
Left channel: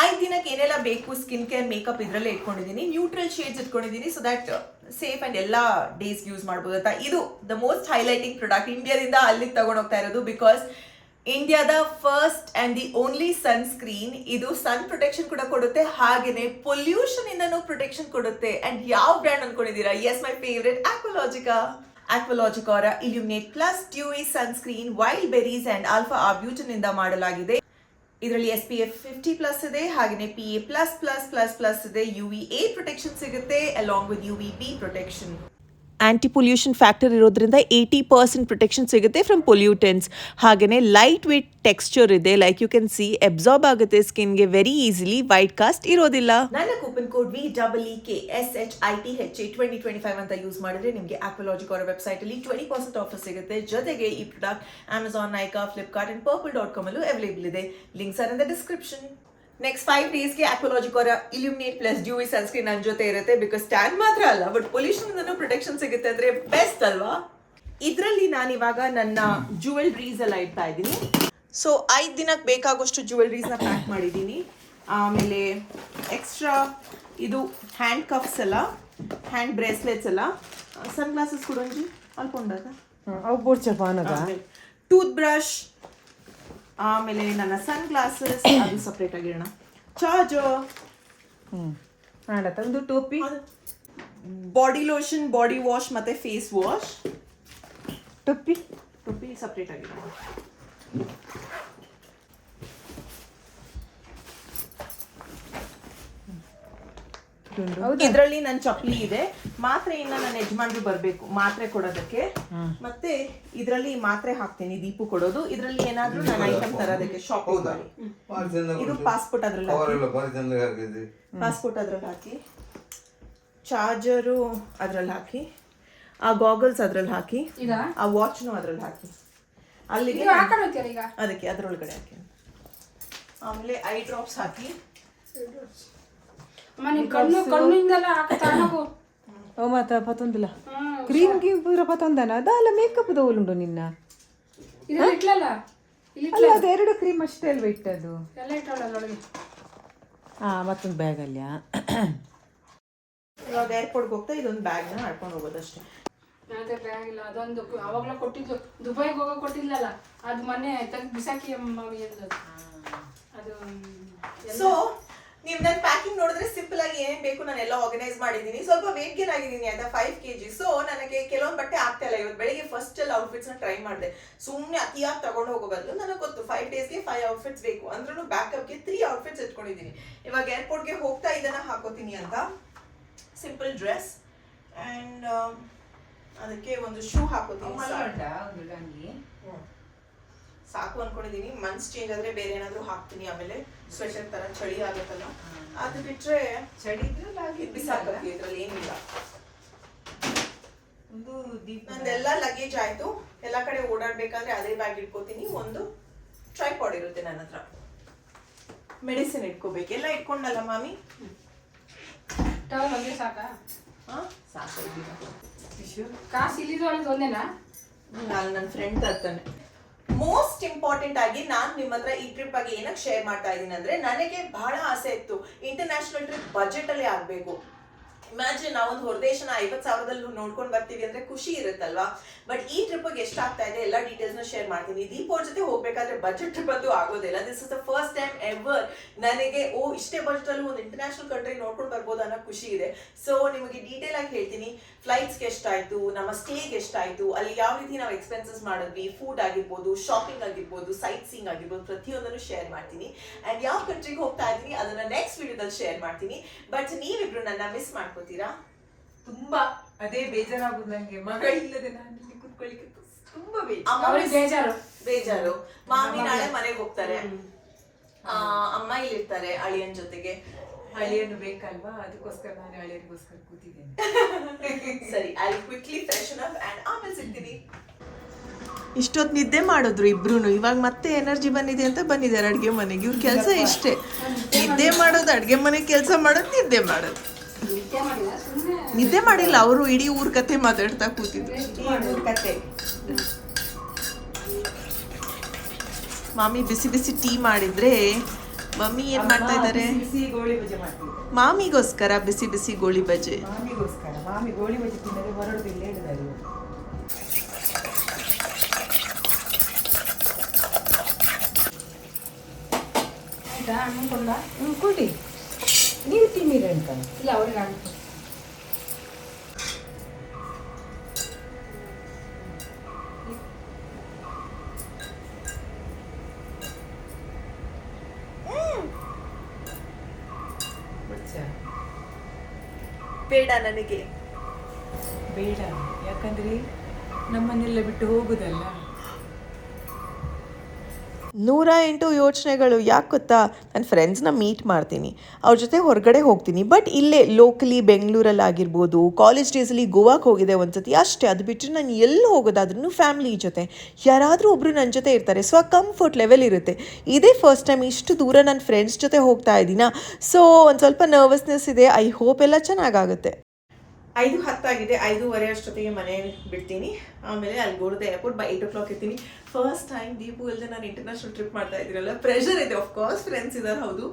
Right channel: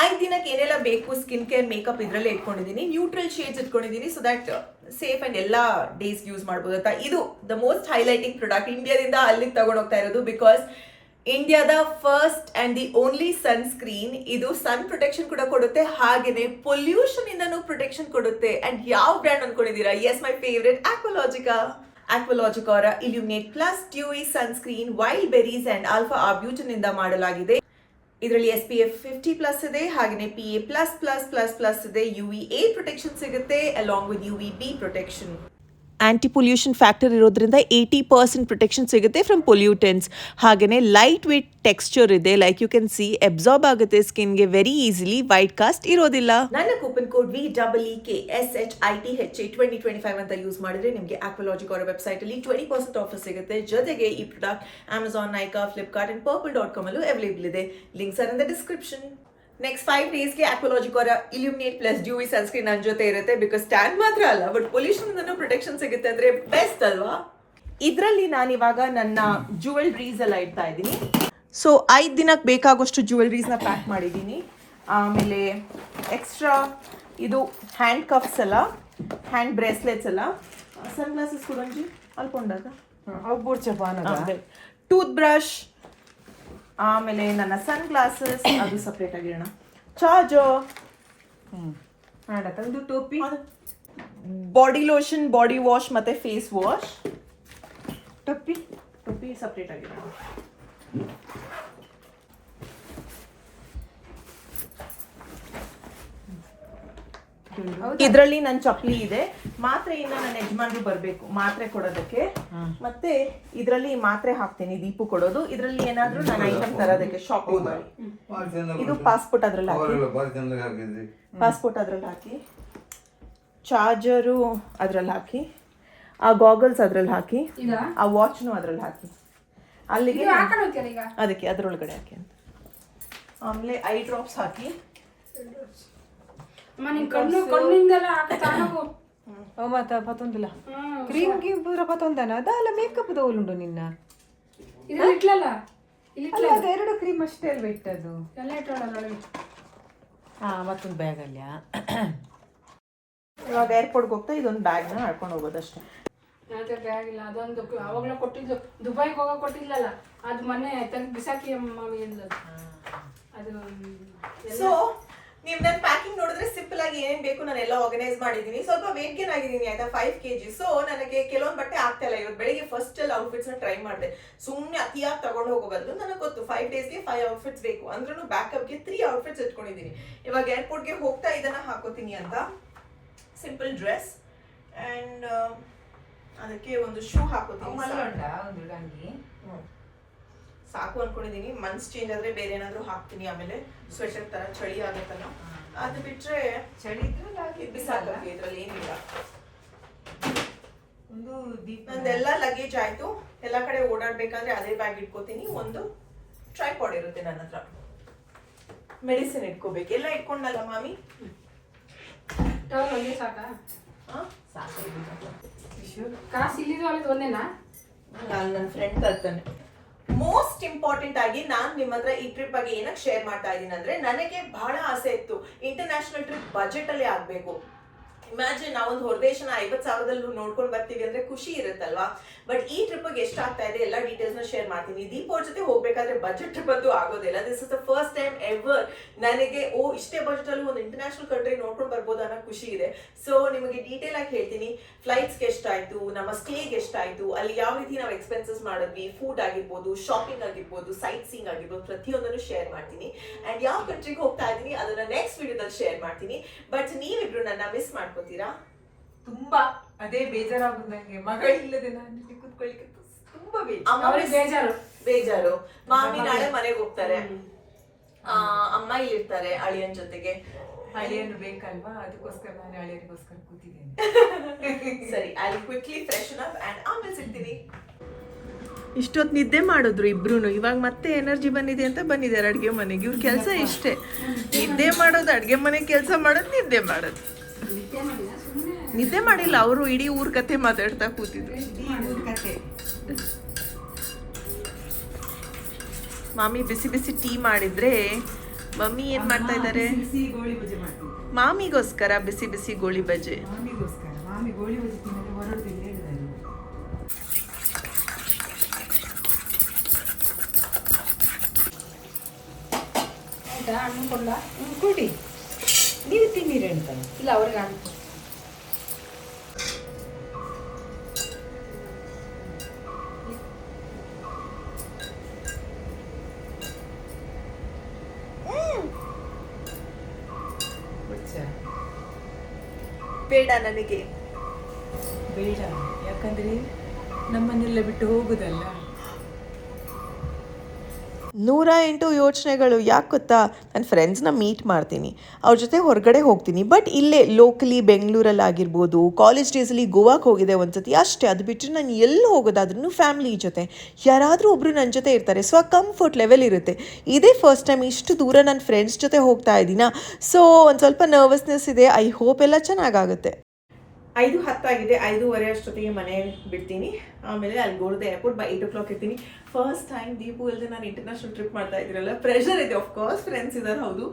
5 ದಿನಕ್ಕೆ ಏನೆಲ್ಲ ಬೇಕು ಸ್ಕಿನ್ ಕೇರ್ ಮೇಕಪ್ ಇದರಲ್ಲೇ ಇಟ್ಕೊಂಡಿದ್ದೀನಿ. ನ್ಯೂಟ್ರಲ್ ಶೇಡ್ಸ್ ಇಟ್ಕೊಂಡಿದ್ದೀನಿ, ಸೊ ದಟ್ ಸೇಫ್ ಅಂಡ್ ಎಲ್ಲ ಡೇಸ್ ಯೂಸ್ ಮಾಡ್ಬೋದು ಅಂತ. ಇದು ದ ಮೋಸ್ಟ್ ಹೈಲೈಟಿಂಗ್ ಪ್ರಾಡಕ್ಟ್. ಇಂಡಿಯಾದಿಂದ ಅಲ್ಲಿಗೆ ತಗೊಂಡು ಹೋಗ್ತಾ ಇರೋದು. ಬಿಕಾಸ್ ಇಂಡಿಯಾದ first and the only sunscreen. ಇದು ಸನ್ ಪ್ರೊಟೆಕ್ಷನ್ ಕೂಡ ಕೊಡುತ್ತೆ, ಹಾಗೇನೆ ಪೊಲ್ಯೂಷನ್ ಇಂದನೂ ಪ್ರೊಟೆಕ್ಷನ್ ಕೊಡುತ್ತೆ. ಅಂಡ್ ಯಾವ ಬ್ರ್ಯಾಂಡ್ ಅನ್ಕೊಂಡಿದ್ದೀರಾ? ಎಸ್, ಮೈ ಫೇವ್ರೆಟ್ ಆಕ್ವಾಲಾಜಿಕಾ ಅವರ illuminate plus dewy sunscreen wild berries and alpha arbutin ಇಂದ ಮಾಡಲಾಗಿದೆ. ಇದರಲ್ಲಿ SPF 50+ ಇದೆ, ಹಾಗೆಯೇ PA++++ ಇದೆ. UVA ಪ್ರೊಟೆಕ್ಷನ್ ಸಿಗುತ್ತೆ along with UVB protection. Anti pollution factor ಇರೋದ್ರಿಂದ 80% ಪ್ರೊಟೆಕ್ಷನ್ ಸಿಗುತ್ತೆ ಫ್ರಮ್ ಪೊಲ್ಯೂಟೆಂಟ್ಸ್. ಹಾಗೆಯೇ ಲೈಟ್ ವೇಟ್ ಟೆಕ್ಸ್ಚರ್ ಇದೆ, like you can see absorb ಆಗುತ್ತೆ ಸ್ಕಿನ್ಗೆ ವೆರಿ ಈಸಿಲಿ. ವೈಟ್ ಕಾಸ್ಟ್ ಇರೋದಿಲ್ಲ. ನನ್ನ ಕೂಪನ್ ಕೋಡ್ VEEKSHITHA 2025 ಅಂತ ಯೂಸ್ ಮಾಡಿದ್ರೆ ನಿಮಗೆ ಆಕ್ವಾಲಾಜಿಕ್ ಅವರ ವೆಬ್ಸೈಟ್ ಅಲ್ಲಿ 20% ಆಫರ್ ಸಿಗುತ್ತೆ. ಜೊತೆಗೆ ಈ product Amazon, Nykaa, Flipkart and purple.com ಅಲ್ಲೂ ಅವೈಲೇಬಲ್ ಇದೆ. Links are in the description. Next 5 ಡೇಸ್ಗೆ ಆಕ್ವಾಲಾಜಿಕ್ ಅವರ ಇಲ್ಯುಮಿನೇಟ್ ಪ್ಲಸ್ ಡ್ಯೂಯಿ ಸನ್ಸ್ಕ್ರೀನ್ ನನ್ನ ಜೊತೆ ಇರುತ್ತೆ. ಬಿಕಾಸ್ ಟ್ಯಾನ್ ಮಾತ್ರ ಅಲ್ಲ, ಬಟ್ ಪೊಲ್ಯೂಷನ್ ಪ್ರೊಟೆಕ್ಷನ್ ಸಿಗುತ್ತೆ ಅಂದ್ರೆ ಬೆಸ್ಟ್ ಅಲ್ವಾ? ಇದರಲ್ಲಿ ನಾನಿವಾಗ ನನ್ನ ಜ್ಯುವೆಲ್ರೀಸ್ ಎಲ್ಲ ಇಡ್ತಾ ಇದ್ದೀನಿ. ಸೊ 5 ದಿನಕ್ಕೆ ಬೇಕಾಗೋಷ್ಟು ಜ್ಯುವೆಲ್ರೀಸ್ನ ಪ್ಯಾಕ್ ಮಾಡಿದ್ದೀನಿ. ಆಮೇಲೆ ಎಕ್ಸ್ಟ್ರಾ ಇದು ಹ್ಯಾಂಡ್ ಕಫ್ಸ್ ಎಲ್ಲ, ಹ್ಯಾಂಡ್ ಬ್ರೇಸ್ಲೆಟ್ಸ್ ಎಲ್ಲ, ಸನ್ ಗ್ಲಾಸಸ್ ಕೊಡೋಂಜಿ ಅಲ್ಕೊಂಡಾಗ, ಟೂತ್ ಬ್ರಷ್, ಆಮೇಲೆ ನನ್ನ ಸನ್ ಗ್ಲಾಸಸ್ ಅದು ಸಪ್ರೇಟ್ ಆಗಿರೋಣ, ಚಾರ್ಜರ್, ಒಂದು ಟೋಪಿ, ಬಾಡಿ ಲೋಷನ್, ಬಾಡಿ ವಾಶ್ ಮತ್ತೆ ಫೇಸ್ ವಾಶ್. ಟೋಪಿ ಸಪ್ರೇಟ್ ಆಗಿರೋಣ. ಇದರಲ್ಲಿ ನನ್ನ ಚಪ್ಪಲಿ ಇದೆ. ಮಾತ್ರೆಯಿಂದ ನನ್ನ ಯಜಮಾನ್ರು ಬರಬೇಕು ಮಾತ್ರೆ ಕೊಡೋದಕ್ಕೆ. ಮತ್ತೆ ಇದರಲ್ಲಿ ಮಾತ್ರೆ ಹಾಕ್ತೀನಿ ದೀಪು ಕೊಡೋದು. ಇದರಲ್ಲಿ ಏನಾದ್ರೂ ನನ್ನ ಐಟಮ್ ತರೋದಕ್ಕೆ ಶಾಪಿಂಗ್ ಮಾಡಿ. ಇದು ಪಾಸ್ಪೋರ್ಟ್ ಅದ್ರಲ್ಲಿ ಹಾಕಿ, ಪಾಸ್ಪೋರ್ಟ್ ಅದ್ರಲ್ಲಿ ಹಾಕಿ, ಚಾರ್ಜರು ಅದ್ರಲ್ಲಿ ಹಾಕಿ, ಆ ಗಾಗಲ್ಸ್ ಅದ್ರಲ್ಲಿ ಹಾಕಿ, ಆ ವಾಚ್ನು ಅದ್ರಲ್ಲಿ ಹಾಕಿ, ಅಲ್ಲಿಗೆ ಅದಕ್ಕೆ ಅದ್ರೊಳಗಡೆ ಹಾಕಿ. ಆಮೇಲೆ ಐ ಡ್ರಾಪ್ಸ್ ಹಾಕಿ. ಕ್ರೀಮ್ ಪೂರ ಪತ್ತೊಂದನ ಅದಲ್ಲ ಮೇಕಪ್ ತಗೊಳ್ಳುಂಡು ನಿನ್ನ ಎರಡು ಕ್ರೀಮ್ ಅಷ್ಟೇ ಅಲ್ವಾ ಇಟ್ಟದು. ಮತ್ತೊಂದು ಬ್ಯಾಗ್ ಅಲ್ಲಿ ಇವಾಗ ಏರ್ಪೋರ್ಟ್ಗೆ ಹೋಗ್ತಾ ಇದೊಂದು ಬ್ಯಾಗ್ನ ಹಾಕೊಂಡು ಹೋಗೋದಷ್ಟೇ. ಅದೇ ಬ್ಯಾಗ್ ಇಲ್ಲ, ಅದೊಂದು ಅವಾಗಲೇ ಕೊಟ್ಟಿದ್ದು, ದುಬೈಗೆ ಹೋಗೋ ಕೊಟ್ಟಿದ್ಲಲ್ಲ, ಅದು ಮೊನ್ನೆ ತಂದು ಬಿಸಾಕಿ ಮಾಮಿ ಅಂದದ್ದು ಅದು. ಸೊ ನೀವು ನನ್ನ ಪ್ಯಾಕಿಂಗ್ ನೋಡಿದ್ರೆ ಸಿಂಪಲ್ ಆಗಿ ಏನೇನು ಬೇಕು ನಾನು ಎಲ್ಲ ಆರ್ಗನೈಸ್ ಮಾಡಿದ್ದೀನಿ. ಸ್ವಲ್ಪ ವೇಟ್ ಗೇನ್ ಆಗಿದ್ದೀನಿ ಆಯ್ತಾ, 5 kg. ಸೊ ನನಗೆ ಕೆಲವೊಂದು ಬಟ್ಟೆ ಆಗ್ತಾ ಇಲ್ಲ. ಇವತ್ತು ಬೆಳಿಗ್ಗೆ ಫಸ್ಟ್ ಎಲ್ಲ ಔಟ್ಫಿಟ್ಸ್ನ ಟ್ರೈ ಮಾಡಿದೆ. ಸುಮ್ಮನೆ ಅತಿಯಾಗಿ ತಗೊಂಡು ಹೋಗೋ ಬದಲು ನನಗೆ ಗೊತ್ತು 5 daysಗೆ 5 ಔಟ್ಫಿಟ್ಸ್ ಬೇಕು. ಅಂದ್ರೂ ಬ್ಯಾಕಪ್ಗೆ 3 ಔಟ್ಫಿಟ್ಸ್ ಇಟ್ಕೊಂಡಿದ್ದೀನಿ. ಇವಾಗ ಏರ್ಪೋರ್ಟ್ಗೆ ಹೋಗ್ತಾ ಇದನ್ನ ಹಾಕೋತೀನಿ ಅಂತ. ಸಿಂಪಲ್ ಡ್ರೆಸ್ ಆ್ಯಂಡ್ ಅದಕ್ಕೆ ಒಂದು ಶೂ ಹಾಕೋತೀನಿ. ಸಾಕು ಅನ್ಕೊಂಡಿದ್ದೀನಿ. ಮನ್ಸ್ ಚೇಂಜ್ ಆದ್ರೆ ಬೇರೆ ಏನಾದ್ರು ಹಾಕ್ತೀನಿ. ಆಮೇಲೆ ಸ್ವೆಟರ್ ತರ ಚಳಿ ಆಗುತ್ತಲ್ಲ, ಅದು ಬಿಟ್ರೆ ಚಳಿ ಬಿಸಾಕಕ್ಕೆ ಇದ್ರಲ್ಲಿ ಏನಿಲ್ಲ. ನಂದೆಲ್ಲ ಲಗೇಜ್ ಆಯ್ತು. ಎಲ್ಲ ಕಡೆ ಓಡಾಡ್ಬೇಕಂದ್ರೆ ಅದೇ ಬ್ಯಾಗ್ ಇಟ್ಕೋತೀನಿ. ಒಂದು ಟ್ರೈಪಾಡ್ ಇರುತ್ತೆ ನನ್ನ ಹತ್ರ, ಮೆಡಿಸಿನ್ ಇಟ್ಕೋಬೇಕು. ಎಲ್ಲ ಇಟ್ಕೊಂಡಲ್ಲ ಮಾಮಿ, ಕಾಸು ಇಲ್ಲಿದ್ದು ಒಂದೇನಾ? ನಾನು ನನ್ನ ಫ್ರೆಂಡ್ ತರ್ತಾನೆ. ಮೋಸ್ಟ್ ಇಂಪಾರ್ಟೆಂಟ್ ಆಗಿ ನಾನು ನಿಮ್ಮ ಹತ್ರ ಈ ಟ್ರಿಪ್ ಬಗ್ಗೆ ಏನಕ್ಕೆ ಶೇರ್ ಮಾಡ್ತಾ ಇದ್ದೀನಿ ಅಂದ್ರೆ, ನನಗೆ ಬಹಳ ಆಸೆ ಇತ್ತು ಇಂಟರ್ನ್ಯಾಷನಲ್ ಟ್ರಿಪ್ ಬಜೆಟ್ ಅಲ್ಲಿ ಆಗ್ಬೇಕು. ಇಮ್ಯಾಜಿನ್ ನಾವೊಂದು ಹೊರದೇಶನ 50,000 ನೋಡ್ಕೊಂಡು ಬರ್ತೀವಿ ಅಂದ್ರೆ ಖುಷಿ ಇರುತ್ತಲ್ವಾ. ಬಟ್ ಈ ಟ್ರಿಪ್ಗೆ ಎಷ್ಟಾಗ್ತಾ ಇದೆ ಎಲ್ಲ ಡೀಟೇಲ್ಸ್ನ ಶೇರ್ ಮಾಡ್ತೀನಿ. ದೀಪ್ ಅವ್ರ ಜೊತೆ ಹೋಗ್ಬೇಕಾದ್ರೆ ಬಜೆಟ್ ಟ್ರಿಪ್ ಅಂತೂ ಆಗೋದಿಲ್ಲ. This is the first time ever ನನಗೆ ಇಷ್ಟೇ ಬಜೆಟ್ ಅಲ್ಲಿ ಒಂದು ಇಂಟರ್ನ್ಯಾಷನಲ್ ಕಂಟ್ರಿ ನೋಡ್ಕೊಂಡು ಬರ್ಬೋದು ಅನ್ನೋ ಖುಷಿ ಇದೆ. ಸೊ ನಿಮಗೆ ಡೀಟೇಲ್ ಆಗಿ ಹೇಳ್ತೀನಿ. ಫ್ಲೈಟ್ಸ್ಗೆ ಎಷ್ಟಾಯ್ತು, ನಮ್ಮ ಸ್ಟೇಗೆ ಎಷ್ಟಾಯ್ತು, ಅಲ್ಲಿ ಯಾವ ರೀತಿ ನಾವು ಎಕ್ಸ್ಪೆನ್ಸಸ್ ಮಾಡಿದ್ವಿ, ಫುಡ್ ಆಗಿರ್ಬೋದು, ಶಾಪಿಂಗ್ ಆಗಿರ್ಬೋದು, ಸೈಟ್ ಸೀಯಿಂಗ್ ಆಗಿರ್ಬೋದು, ಪ್ರತಿಯೊಂದನ್ನು ಶೇರ್ ಮಾಡ್ತೀನಿ. ಅಂಡ್ ಯಾವ ಕಂಟ್ರಿಗೆ ಹೋಗ್ತಾ ಇದ್ದೀನಿ ಅದನ್ನ ನೆಕ್ಸ್ಟ್ ವಿಡಿಯೋದಲ್ಲಿ ಶೇರ್ ಮಾಡ್ತೀನಿ. ಬಟ್ ನೀವಿಬ್ರು ನನ್ನ ಮಿಸ್ ಮಾಡ್ಕೋತೀರಾ? ತುಂಬಾ ಅದೇ ಬೇಜಾರಾಗುದು ನಂಗೆ. ಮಗಳಿಲ್ಲದೆ ನಾನು ಕೂತ್ಕೊಳ್ಳಿಕ್ಕೆ ತುಂಬಾ ಬೇಜಾರು. ಮಾಮಿ ನಾಳೆ ಮನೆಗೆ ಹೋಗ್ತಾರೆ, ಅಮ್ಮ ಇಲ್ಲಿರ್ತಾರೆ ಅಳಿಯನ್ ಜೊತೆಗೆ. ಅಳಿಯನು ಬೇಕಲ್ವಾ, ಅದಕ್ಕೋಸ್ಕರ ನಾನು ಅಳಿಯನಿಗೋಸ್ಕರ ಕೂತಿದ್ದೇನೆ. ಸರಿ, I quickly freshen up and ಆಮೇಲೆ ಸಿಗ್ತೀನಿ. ಇಷ್ಟೊತ್ತು ನಿದ್ದೆ ಮಾಡಿದ್ರು ಇಬ್ರು. ಇವಾಗ ಮತ್ತೆ ಎನರ್ಜಿ ಬಂದಿದೆ ಅಂತ ಬಂದಿದ್ದಾರೆ ಅಡ್ಗೆ ಮನೆಗೆ. ಇವ್ರ ಕೆಲಸ ಇಷ್ಟೇ, ನಿದ್ದೆ ಮಾಡೋದು, ಅಡ್ಗೆ ಮನೆ ಕೆಲಸ ಮಾಡೋದು, ನಿದ್ದೆ ಮಾಡೋದು. ನಿದ್ದೆ ಮಾಡಿಲ್ಲ ಅವರು, ಇಡೀ ಊರ್ ಕತೆ ಮಾತಾಡ್ತಾ ಕೂತಿದ್ರು. ಕತೆ ಮಾಮಿ ಬಿಸಿ ಬಿಸಿ ಟೀ ಮಾಡಿದ್ರೆ ಮಮ್ಮಿ ಏನ್ ಮಾಡ್ತಾ ಇದ್ದಾರೆ? ಗೋಳಿ ಬಜೆ ಮಾಡ್ತಿದ್ದಾರೆ ಮಾಮಿಗೋಸ್ಕರ. ಬಿಸಿ ಬಿಸಿ ಗೋಳಿ ಬಜೆ ಮಾಮಿಗೋಸ್ಕರ. ಮಾಮಿ ಗೋಳಿ ಬಜೆ ತಿನ್ನದೆ ಹೊರಡುದಿಲ್ಲ ಹೇಳಿದ್ದಾರೆ. ಕೊಡಿ, ನೀವು ತಿನ್ನಿರಿ ಅಂತ. ಇಲ್ಲ, ಅವ್ರಿಗೆ ಆಗುತ್ತೆ. ಬೇಡ ನನಗೆ, ಬೇಡ. ಯಾಕಂದ್ರೆ ನಮ್ಮನ್ನೆಲ್ಲ ಬಿಟ್ಟು ಹೋಗುದಲ್ಲ. 108 ಯೋಚನೆಗಳು. ಯಾಕೆ ಗೊತ್ತಾ, ನನ್ನ ಫ್ರೆಂಡ್ಸ್ನ ಮೀಟ್ ಮಾಡ್ತೀನಿ, ಅವ್ರ ಜೊತೆ ಹೊರಗಡೆ ಹೋಗ್ತೀನಿ. ಬಟ್ ಇಲ್ಲೇ ಲೋಕಲಿ ಬೆಂಗಳೂರಲ್ಲಿ ಆಗಿರ್ಬೋದು, ಕಾಲೇಜ್ ಡೇಸಲ್ಲಿ ಗೋವಾಕ್ಕೆ ಹೋಗಿದೆ ಒಂದ್ಸತಿ ಅಷ್ಟೇ. ಅದು ಬಿಟ್ಟರೆ ನಾನು ಎಲ್ಲಿ ಹೋಗೋದಾದ್ರೂ ಫ್ಯಾಮಿಲಿ ಜೊತೆ ಯಾರಾದರೂ ಒಬ್ಬರು ನನ್ನ ಜೊತೆ ಇರ್ತಾರೆ. ಸೊ ಆ ಕಂಫರ್ಟ್ ಲೆವೆಲ್ ಇರುತ್ತೆ. ಇದೇ ಫಸ್ಟ್ ಟೈಮ್ ಇಷ್ಟು ದೂರ ನನ್ನ ಫ್ರೆಂಡ್ಸ್ ಜೊತೆ ಹೋಗ್ತಾ ಇದ್ದೀನ. ಸೊ ಒಂದು ಸ್ವಲ್ಪ ನರ್ವಸ್ನೆಸ್ ಇದೆ. ಐ ಹೋಪ್ ಎಲ್ಲ ಚೆನ್ನಾಗಾಗುತ್ತೆ. 5:10 ಆಗಿದೆ, 5:15 ಅಷ್ಟೊತ್ತಿಗೆ ಮನೆ ಬಿಡ್ತೀನಿ. ಆಮೇಲೆ ಅಲ್ಲಿ ಗೋಲ್ಡ್ ಏರ್ಪೋರ್ಟ್ ಬೈ 8 o'clock ಇರ್ತೀನಿ. ಫಸ್ಟ್ ಟೈಮ್ ದೀಪು ಇಲ್ಲದೆ ನಾನು ಇಂಟರ್ನ್ಯಾಷನಲ್ ಟ್ರಿಪ್ ಮಾಡ್ತಾ ಇದ್ದೀರಲ್ಲ, ಪ್ರೆಷರ್ ಇದೆ. ಆಫ್ ಕೋರ್ಸ್ ಫ್ರೆಂಡ್ಸ್ ಇದ್ದಾರೆ, ಹೌದು.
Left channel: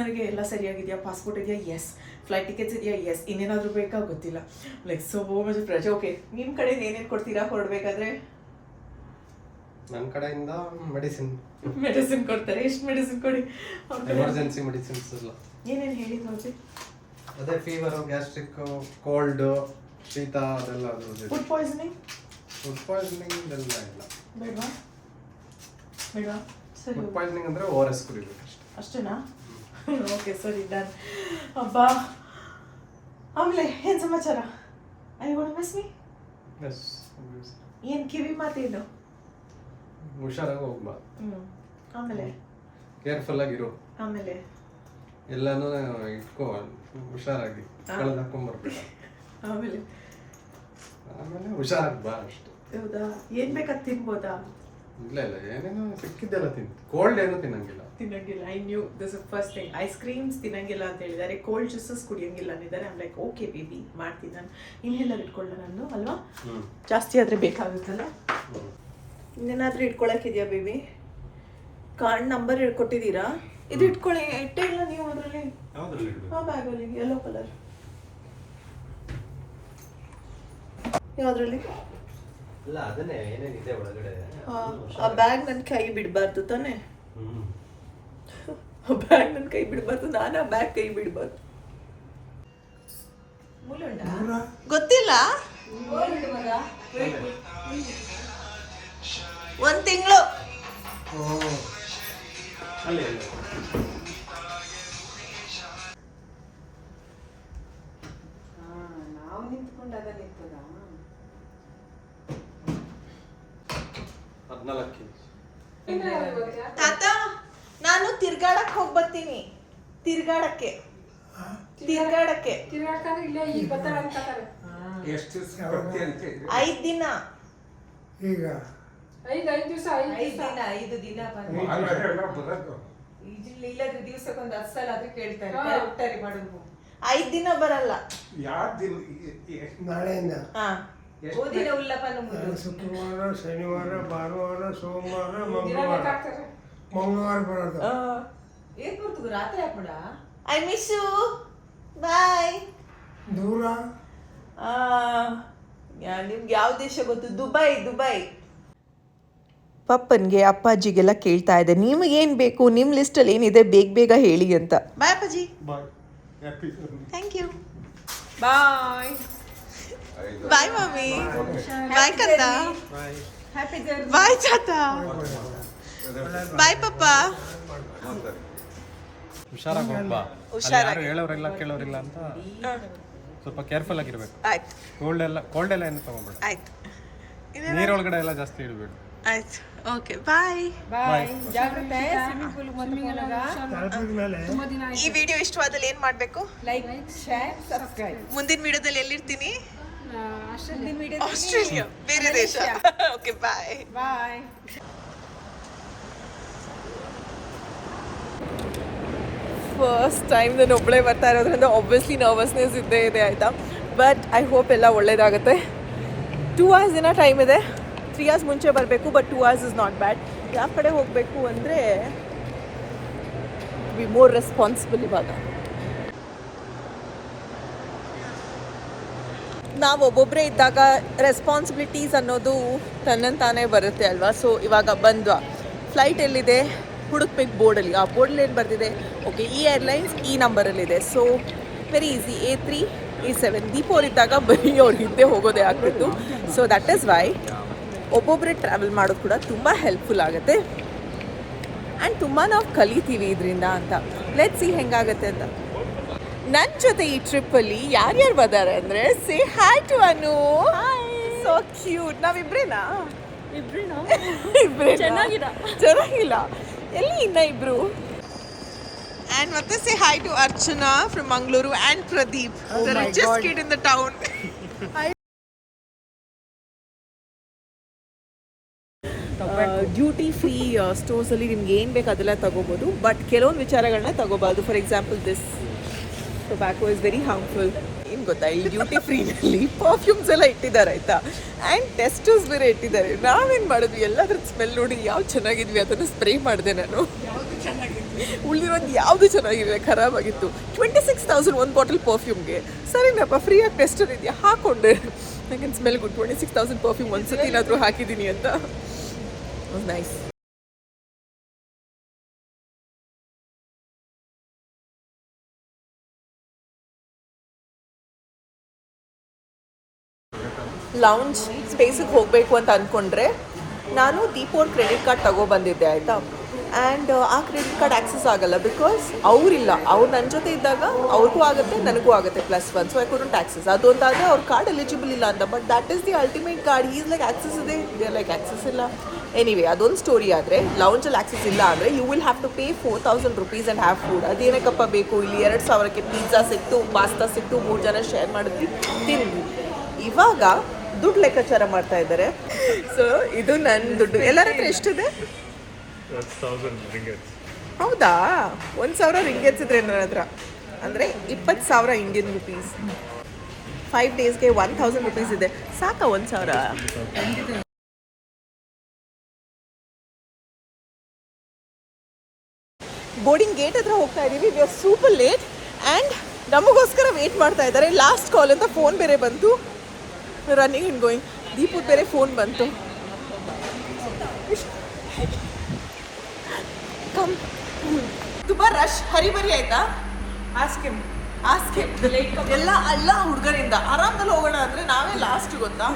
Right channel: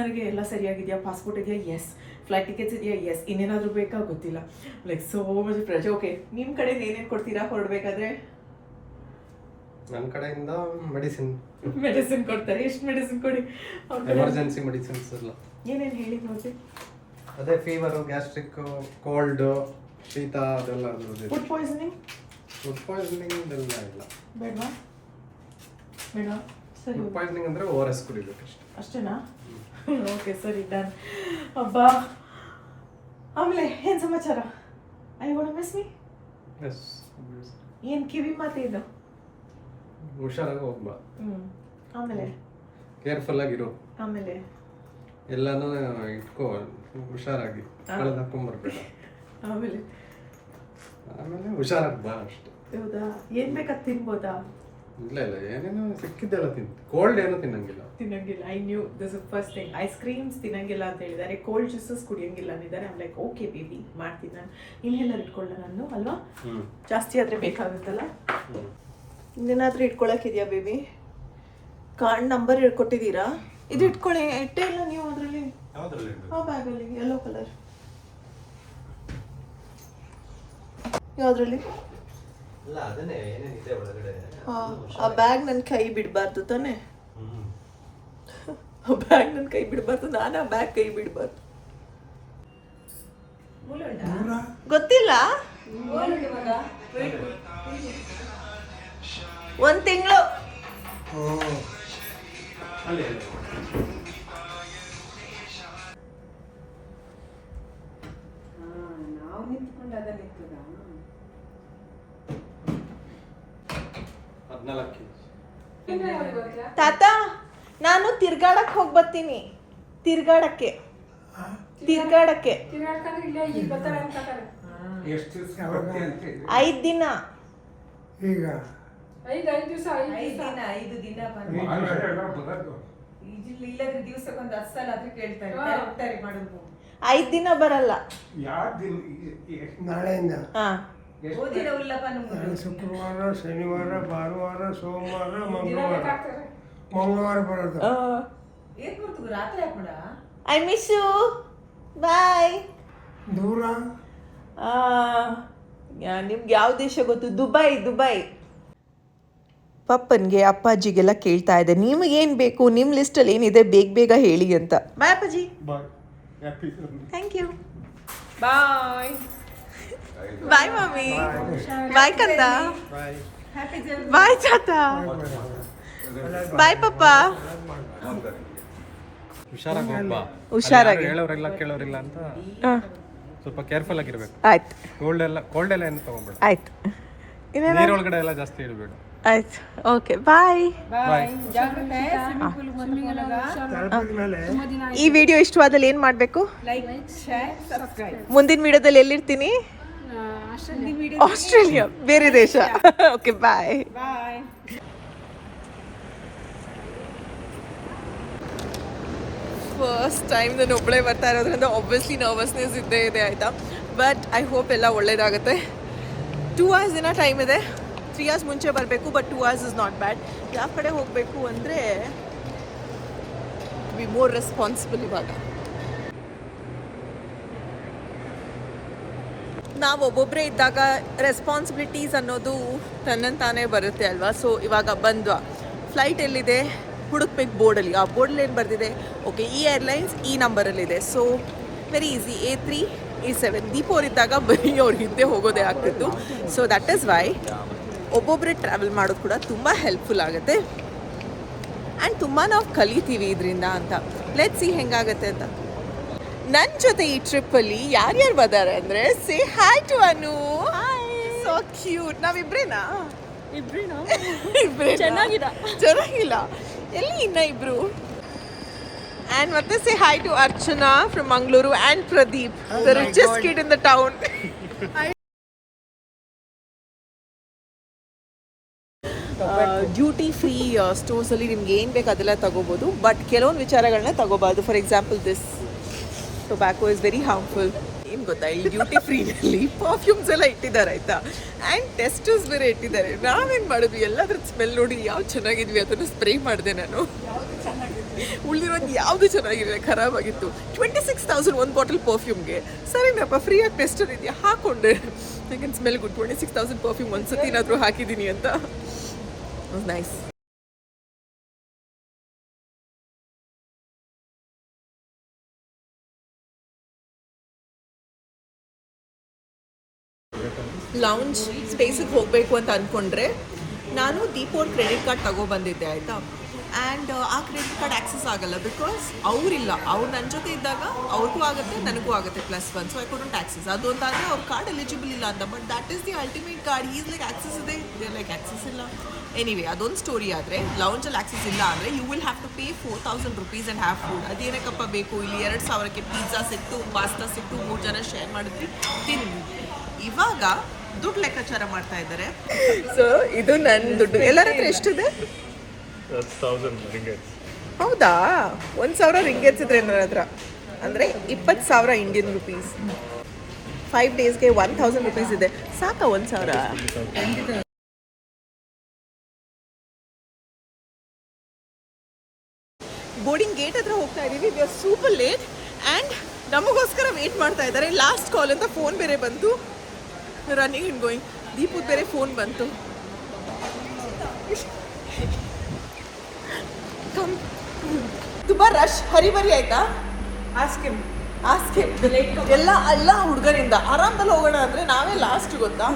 ನನಗೆ ಎಲ್ಲ ಸರಿಯಾಗಿದೆಯಾ, ಪಾಸ್ಪೋರ್ಟ್ ಇದೆಯಾ, ಎಸ್. ಫ್ಲೈಟ್ ಟಿಕೆಟ್ಸ್ ಇದೆಯಾ, ಎಸ್. ಇನ್ನೇನಾದರೂ ಬೇಕಾ ಗೊತ್ತಿಲ್ಲ. Like so much pressure. Okay, ನಿಮ್ಮ ಕಡೆ ಏನೇನು ಕೊಡ್ತೀರಾ ಹೊರಡಬೇಕಾದ್ರೆ? ನನ್ನ ಕಡೆಯಿಂದ ಮೆಡಿಸಿನ್ ಕೊಡ್ತಾರೆ. ಎಷ್ಟು ಮೆಡಿಸಿನ್ ಕೊಡಿ? ಎಮರ್ಜೆನ್ಸಿ ಮೆಡಿಸಿನ್ಸ್ ಎಲ್ಲ ಏನೇನು ಹೇಳಿ ನೋಡಿ. ಅದೇ ಫೀವರು, ಗ್ಯಾಸ್ಟ್ರಿಕ್, ಕೋಲ್ಡ್, ಶೀತ ಅದೆಲ್ಲ. ಫುಡ್ ಪಾಯ್ಸನಿಂಗ್ ಎಲ್ಲ ಇಲ್ಲ. ಬೇಡವಾ? ಬೇಡ, ಸರಿ. ಫುಡ್ ಪಾಯ್ಸನಿಂಗ್ ಅಂದರೆ ORS ಕುಡಿಬೇಕು ಅಷ್ಟೇ. ಅಷ್ಟೇನಾ? ಓಕೆ, ಸರಿ, ಡನ್. ಅಬ್ಬಾ, ಆಮೇಲೆ ಏನು ಸಮಾಚಾರ? I want miss me. Yes, ಏನು ಕಿವಿ ಮಾತೇನು? ಹುಷಾರಾಗಿ ಹೋಗ್ಬಾ. ಆಮೇಲೆ ಕೇರ್ಫುಲ್ ಆಗಿರು. ಆಮೇಲೆ ಎಲ್ಲಾನು ಇಟ್ಕೋ ಹುಷಾರಾಗಿ, ಕಳೆದು ಹಾಕೊಂಡ್ಬರ್ಬೇಡ. ಆಮೇಲೆ ಹುಷಾರಾಗಿ ಬಾ ಅಷ್ಟೇ. ಹೌದಾ? ಏನು ಬೇಕಾದ್ ತಿನ್ಬೋದಾ? ಇಲ್ಲ ಏನೇನೋ ಸಿಕ್ಕಿದ್ದೆಲ್ಲ ಕೋಲ್ಡ್ ಏನೂ ತಿನ್ನಂಗಿಲ್ಲ. I knew this is first thing. Ice creams ತಿನ್ನಂಗಿಲ್ಲ ಅಂತ ಹೇಳಿದ್ದಾರೆ, ಕೋಲ್ಡ್ ಜ್ಯೂಸಸ್ ಕುಡಿಯಂಗಿಲ್ಲ ಅಂದಿದ್ದಾರೆ. ಐಮ್ ಲೈಕ್ ಓಕೆ ಬೇಬಿ, ಮಾಡ್ತೀನಿ ನಾನು. ಇನ್ಹೇಲರ್ ಇಟ್ಕೊಳ್ಳ ನಾನು, ಅಲ್ವಾ? ಜಾಸ್ತಿ ಆದರೆ ಬೇಕಾಗುತ್ತಲ್ಲ. ಇನ್ನೇನಾದರೂ ಇಟ್ಕೊಳಕ್ಕಿದೆಯಾ ಬೇಬಿ? ಕಾರ್ಡ್ ನಂಬರ್ ಇಟ್ಕೊಟ್ಟಿದ್ದೀರಾ? ಇದು ಇಟ್ಕೊಳ್ಳಿ. ಇಟ್ಟೇ ಇಲ್ಲ ನೀವು ಅದರಲ್ಲಿ, ಆ ಬ್ಯಾಗಲ್ಲಿ ಯೆಲ್ಲೋ ಕಲರ್. ಯಾವುದ್ರಲ್ಲಿ? ಅಲ್ಲ ಅದನ್ನೇ ಏನೇನಿದೆ ಒಳಗಡೆ. ಆ ಬ್ಯಾಗ್ ನನ್ನ ಕೈ ಬಿಡಬಾರ್ದು ತಾನೆ? ಆ ಬ್ಯಾಗ್ ನನ್ನ ಕೈ ಬಿಡಬಾರ್ದು, ನಾನು ಆ ಬ್ಯಾಗ್ ಕೈ ಬಿಡಬಾರ್ದು. ಗೊತ್ತಿಲ್ಲ. 1 ತಿಂಗಳು. ನಾವು ನಿಂತ್ಕೊಂಡು ಅದನ್ನ ಇರ್ತದ. 14 ತಾತ, ನಾನು ತಿರ್ಗಾಡಕ್ ಹೋಗಿ ಬರ್ತೀನಿ. ತಿರ್ಗಾಡಕ್ಕೆ ತಿರ್ಗಾಡ್ಕಂದ್ರೆ ಇಲ್ಲೇ ಈಗ ಬರ್ತಾಳೆ ಅಂತಾರೆ. 5 ದಿನ. ಈಗ 5 ದಿವಸ 5 ದಿನ ಇಲ್ಲದ ದಿವಸಕ್ಕೊಂದು 10 ಸಲ ಅದು ಕೇಳ್ತಾರೆ. ಕರೆಕ್ಟಾಗಿ ಮಾಡೋದು. 5 ದಿನ ಬರಲ್ಲ. ನಾಳೆಯಿಂದ ಹಾ, ಓದಿಲ್ಲ ಉಲ್ಲಪ್ಪ ನಮ್ಗೆ. ಶುಕ್ರವಾರ, ಶನಿವಾರ, ಭಾನುವಾರ, ಸೋಮವಾರ, ಮಂಗಳವಾರ ಬರೋದು. ಏನ್ ಕೊಡ್ತೀವಿ ರಾತ್ರಿ ಹಾಕ್ಬಿಡ. I miss you. ಬಾಯ್. ದೂರ ನಿಮ್ಗೆ ಯಾವ ದೇಶ ಗೊತ್ತು? ದುಬೈ. ಪಪ್ಪನ್ಗೆ ಅಪ್ಪಾಜಿಗೆಲ್ಲ ಕೇಳ್ತಾ ಇದೆ, ನಿಮಗೇನು ಬೇಕು, ನಿಮ್ಮ ಲಿಸ್ಟಲ್ಲಿ ಏನಿದೆ ಬೇಗ ಹೇಳಿ ಅಂತ. ಬಾಯ್ ಅಪ್ಪಾಜಿ. Thank you. Bye. Bye mummy. Bye ಕಂದ. ಬಾಯ್ ಚಾತ. ಬಾಯ್ ಪಪ್ಪ. ಹುಷಾರಾಗಿ ಹೋಗ್ಬಾ. ಹುಷಾರಾಗಿ. ಹೇಳೋರಿಲ್ಲ ಕೇಳೋರಿಲ್ಲ ಅಂತ ಸ್ವಲ್ಪ ಕೇರ್ಫುಲ್ ಆಗಿರ್ಬೇಕು. ಆಯ್ತು. ಕೋಲ್ಡ್ ಎಲ್ಲ ಏನು ತಗೊಂಬೇಡ. ಆಯ್ತು. ನೀರೊಳಗಡೆ ಎಲ್ಲ ಜಾಸ್ತಿ ಇಡಬೇಡ. ಆಯ್ತು. ಓಕೆ, ಬಾಯ್. ಬಾಯ್. ಜಾಗ್ರತೆ. ಸ್ವಿಮ್ಮಿಂಗ್ ಪೂಲ್ ಮೇಲೆ ತುಂಬಾ ದಿನ ಈ ವಿಡಿಯೋ ಇಷ್ಟವಾದಲ್ಲಿ ಏನು ಮಾಡಬೇಕು? Like, share, subscribe. ಮುಂದಿನ ವಿಡಿಯೋದಲ್ಲಿ ಎಲ್ಲಿರ್ತೀನಿ? ಆಸ್ಟ್ರೇಲಿಯಾ. ಆಸ್ಟ್ರೇಲಿಯಾ, ಬೇರೆ ದೇಶ. ಓಕೆ, ಬಾಯ್. ಬಾಯ್. ಫಸ್ಟ್ ಟೈಮ್ ನಾನು ಒಬ್ಬಳೇ ಬರ್ತಾ ಇರೋದ್ರಿಂದ ಆಬ್ವಿಯಸ್ಲಿ ನರ್ವಸ್ನೆಸ್ ಇದ್ದೇ ಇದೆ, ಆಯಿತಾ. ಬಟ್ ಐ ಹೋಪ್ ಎಲ್ಲ ಒಳ್ಳೇದಾಗುತ್ತೆ. 2 hours ದಿನ ಟೈಮ್ ಇದೆ. 3 hours ಮುಂಚೆ ಬರಬೇಕು, but 2 hours is not bad. ಯಾವ ಕಡೆ ಹೋಗಬೇಕು ಅಂದರೆ ಬಿ ಮೋರ್ ರೆಸ್ಪಾನ್ಸಿಬಲ್. ಇವಾಗ ನಾವು ಒಬ್ಬೊಬ್ಬರೇ ಇದ್ದಾಗ ರೆಸ್ಪಾನ್ಸಿಬಿಲಿಟೀಸ್ ಅನ್ನೋದು ತನ್ನಂತಾನೇ ಬರುತ್ತೆ ಅಲ್ವಾ. ಸೊ ಇವಾಗ ಬಂದ್ವಾ, ಫ್ಲೈಟ್ ಎಲ್ಲಿದೆ ಹುಡುಕ್ಬೇಕು ಬೋರ್ಡಲ್ಲಿ. ಆ ಬೋರ್ಡಲ್ಲಿ ಏನು ಬರ್ತಿದೆ? ಓಕೆ, ಈ ಏರ್ಲೈನ್ಸ್ ಈ ನಂಬರಲ್ಲಿದೆ. So very easy. A3, A7. ದೀಪೋರಿದ್ದಾಗ ಬರೀ ಅವ್ರ ಹಿಂದೆ ಹೋಗೋದೇ ಆಗ್ತಿತ್ತು. ಸೊ ದಟ್ ಈಸ್ ವೈ ಒಬ್ಬೊಬ್ಬರೇ ಟ್ರಾವೆಲ್ ಮಾಡೋದು ಕೂಡ ತುಂಬ ಹೆಲ್ಪ್ಫುಲ್ ಆಗುತ್ತೆ. ಆ್ಯಂಡ್ ತುಂಬ ನಾವು ಕಲಿತೀವಿ ಇದರಿಂದ ಅಂತ. ಲೆಟ್ಸ್ ಸಿ ಹೆಂಗಾಗುತ್ತೆ ಅಂತ. ನನ್ನ ಜೊತೆ ಈ ಟ್ರಿಪ್ಪಲ್ಲಿ ಯಾರ್ಯಾರು ಬರ್ತಾರೆ ಅಂದರೆ, say hi to Anu. So cute. ನಾವಿಬ್ರೇನಾ? ಇಬ್ರೇ ಚೆನ್ನಾಗಿಲ್ಲ. ಎಲ್ಲಿ ಇನ್ನ ಇಬ್ರು? ಆ್ಯಂಡ್ ಮತ್ತೆ say hi to Archana from Mangaluru and Pradeep, the richest kid in the town. Duty free ಸ್ಟೋರ್ಸಲ್ಲಿ ನಿಮ್ಗೆ ಏನು ಬೇಕು ಅದೆಲ್ಲ ತಗೋಬೋದು, ಬಟ್ ಕೆಲವೊಂದು ವಿಚಾರಗಳನ್ನ ತಗೋಬಾರ್ದು. For example this tobacco is very harmful. ಏನು ಗೊತ್ತಾ, ಈ ಡ್ಯೂಟಿ ಫ್ರೀನಲ್ಲಿ ಪರ್ಫ್ಯೂಮ್ಸ್ ಎಲ್ಲ ಇಟ್ಟಿದ್ದಾರೆ ಆಯ್ತಾ, ಆ್ಯಂಡ್ ಟೆಸ್ಟರ್ಸ್ ಬೇರೆ ಇಟ್ಟಿದ್ದಾರೆ. ನಾವೇನು ಮಾಡಿದ್ವಿ, ಎಲ್ಲದ್ರ ಸ್ಮೆಲ್ ನೋಡಿ ಯಾವ್ದು ಚೆನ್ನಾಗಿದ್ವಿ ಅದನ್ನು ಸ್ಪ್ರೇ ಮಾಡಿದೆ ನಾನು. ಉಳಿದಿರೋದು ಯಾವುದು ಚೆನ್ನಾಗಿರಲಿಲ್ಲ, ಖರಾಬಾಗಿತ್ತು. 26,000 ಒಂದು ಬಾಟಲ್ ಪರ್ಫ್ಯೂಮ್ಗೆ. ಸರಿನಪ್ಪ, ಫ್ರೀಯಾಗಿ ಟೆಸ್ಟರ್ ಇದೆಯಾ, ಹಾಕೊಂಡೆ. I can smell good. 26,000 perfume ಒಂದ್ಸತಿ ಏನಾದರೂ ಹಾಕಿದ್ದೀನಿ ಅಂತ. ನೈಸ್. ಲೌಂಜ್ ಸ್ಪೇಸಿಗೆ ಹೋಗಬೇಕು ಅಂತ ಅಂದ್ಕೊಂಡ್ರೆ ನಾನು ದೀಪೋರ್ ಕ್ರೆಡಿಟ್ ಕಾರ್ಡ್ ತಗೊಬಂದಿದ್ದೆ ಆಯಿತಾ. ಆ್ಯಂಡ್ ಆ ಕ್ರೆಡಿಟ್ ಕಾರ್ಡ್ ಆಕ್ಸೆಸ್ ಆಗಲ್ಲ ಬಿಕಾಸ್ ಅವರಿಲ್ಲ. ಅವ್ರು ನನ್ನ ಜೊತೆ ಇದ್ದಾಗ ಅವ್ರಿಗೂ ಆಗುತ್ತೆ, ನನಗೂ ಆಗುತ್ತೆ +1. So I couldn't access. ಅದೊಂದಾದರೆ ಅವ್ರ ಕಾರ್ಡ್ ಎಲಿಜಿಬಲ್ ಇಲ್ಲ ಅಂತ. But that is the ultimate card. Is like access ಇದೆ, ದೇ ಲೈಕ್ ಆಕ್ಸೆಸ್ ಇಲ್ಲ. ಎನಿವೇ, ಅದೊಂದು ಸ್ಟೋರಿ. ಆದರೆ ಲೌಂಜಲ್ಲಿ ಆಕ್ಸೆಸ್ ಇಲ್ಲ ಅಂದರೆ you will have to pay 4,000 rupees and have food. ಅದೇನಕ್ಕಪ್ಪ ಬೇಕು, ಇಲ್ಲಿ 2,000ಕ್ಕೆ ಪಿಜ್ಜಾ ಸಿಕ್ತು, ಪಾಸ್ತಾ ಸಿಕ್ತು, 3 ಜನ ಶೇರ್ ಮಾಡಿದ್ವಿ, ತಿಂದ್ವಿ. ಇವಾಗ ದುಡ್ಡು ಲೆಕ್ಕಾಚಾರ ಮಾಡ್ತಾ ಇದ್ದಾರೆ. ಸೊ ಇದು ನನ್ನ ದುಡ್ಡು. ಎಲ್ಲರ ಹತ್ರ ಎಷ್ಟಿದೆ? 10,000 ringgit. ಹೌದಾ, 1,000 ರಿಂಗೇಟ್ಸ್ ಇದ್ರೆ ನನ್ನ ಹತ್ರ, ಅಂದರೆ 20,000 ಇಂಡಿಯನ್ ರುಪೀಸ್. 5 ಡೇಸ್ಗೆ 1,000 rupees ಇದೆ. ಸಾಕಾ 1,000? ಬೋರ್ಡಿಂಗ್ ಗೇಟ್ ಹತ್ರ ಹೋಗ್ತಾ ಇದ್ದೀವಿ. We are super late and ನಮಗೋಸ್ಕರ ವೇಟ್ ಮಾಡ್ತಾ ಇದ್ದಾರೆ. ಲಾಸ್ಟ್ ಕಾಲ್ ಅಂತ ಫೋನ್ ಬೇರೆ ಬಂತು. Running and going. ದೀಪದ ಬೇರೆ ಫೋನ್ ಬಂತು. ಕಮ್. ತುಂಬ ರಶ್, ಹರಿಬರಿ ಆಯ್ತಾ? ಆಸ್ಕಿಮ್ ಎಲ್ಲ ಹುಡುಗರಿಂದ ಆರಾಮದಲ್ಲಿ ಹೋಗೋಣ ಅಂದರೆ ನಾವೇ ಲಾಸ್ಟ್ ಗೊತ್ತಾ.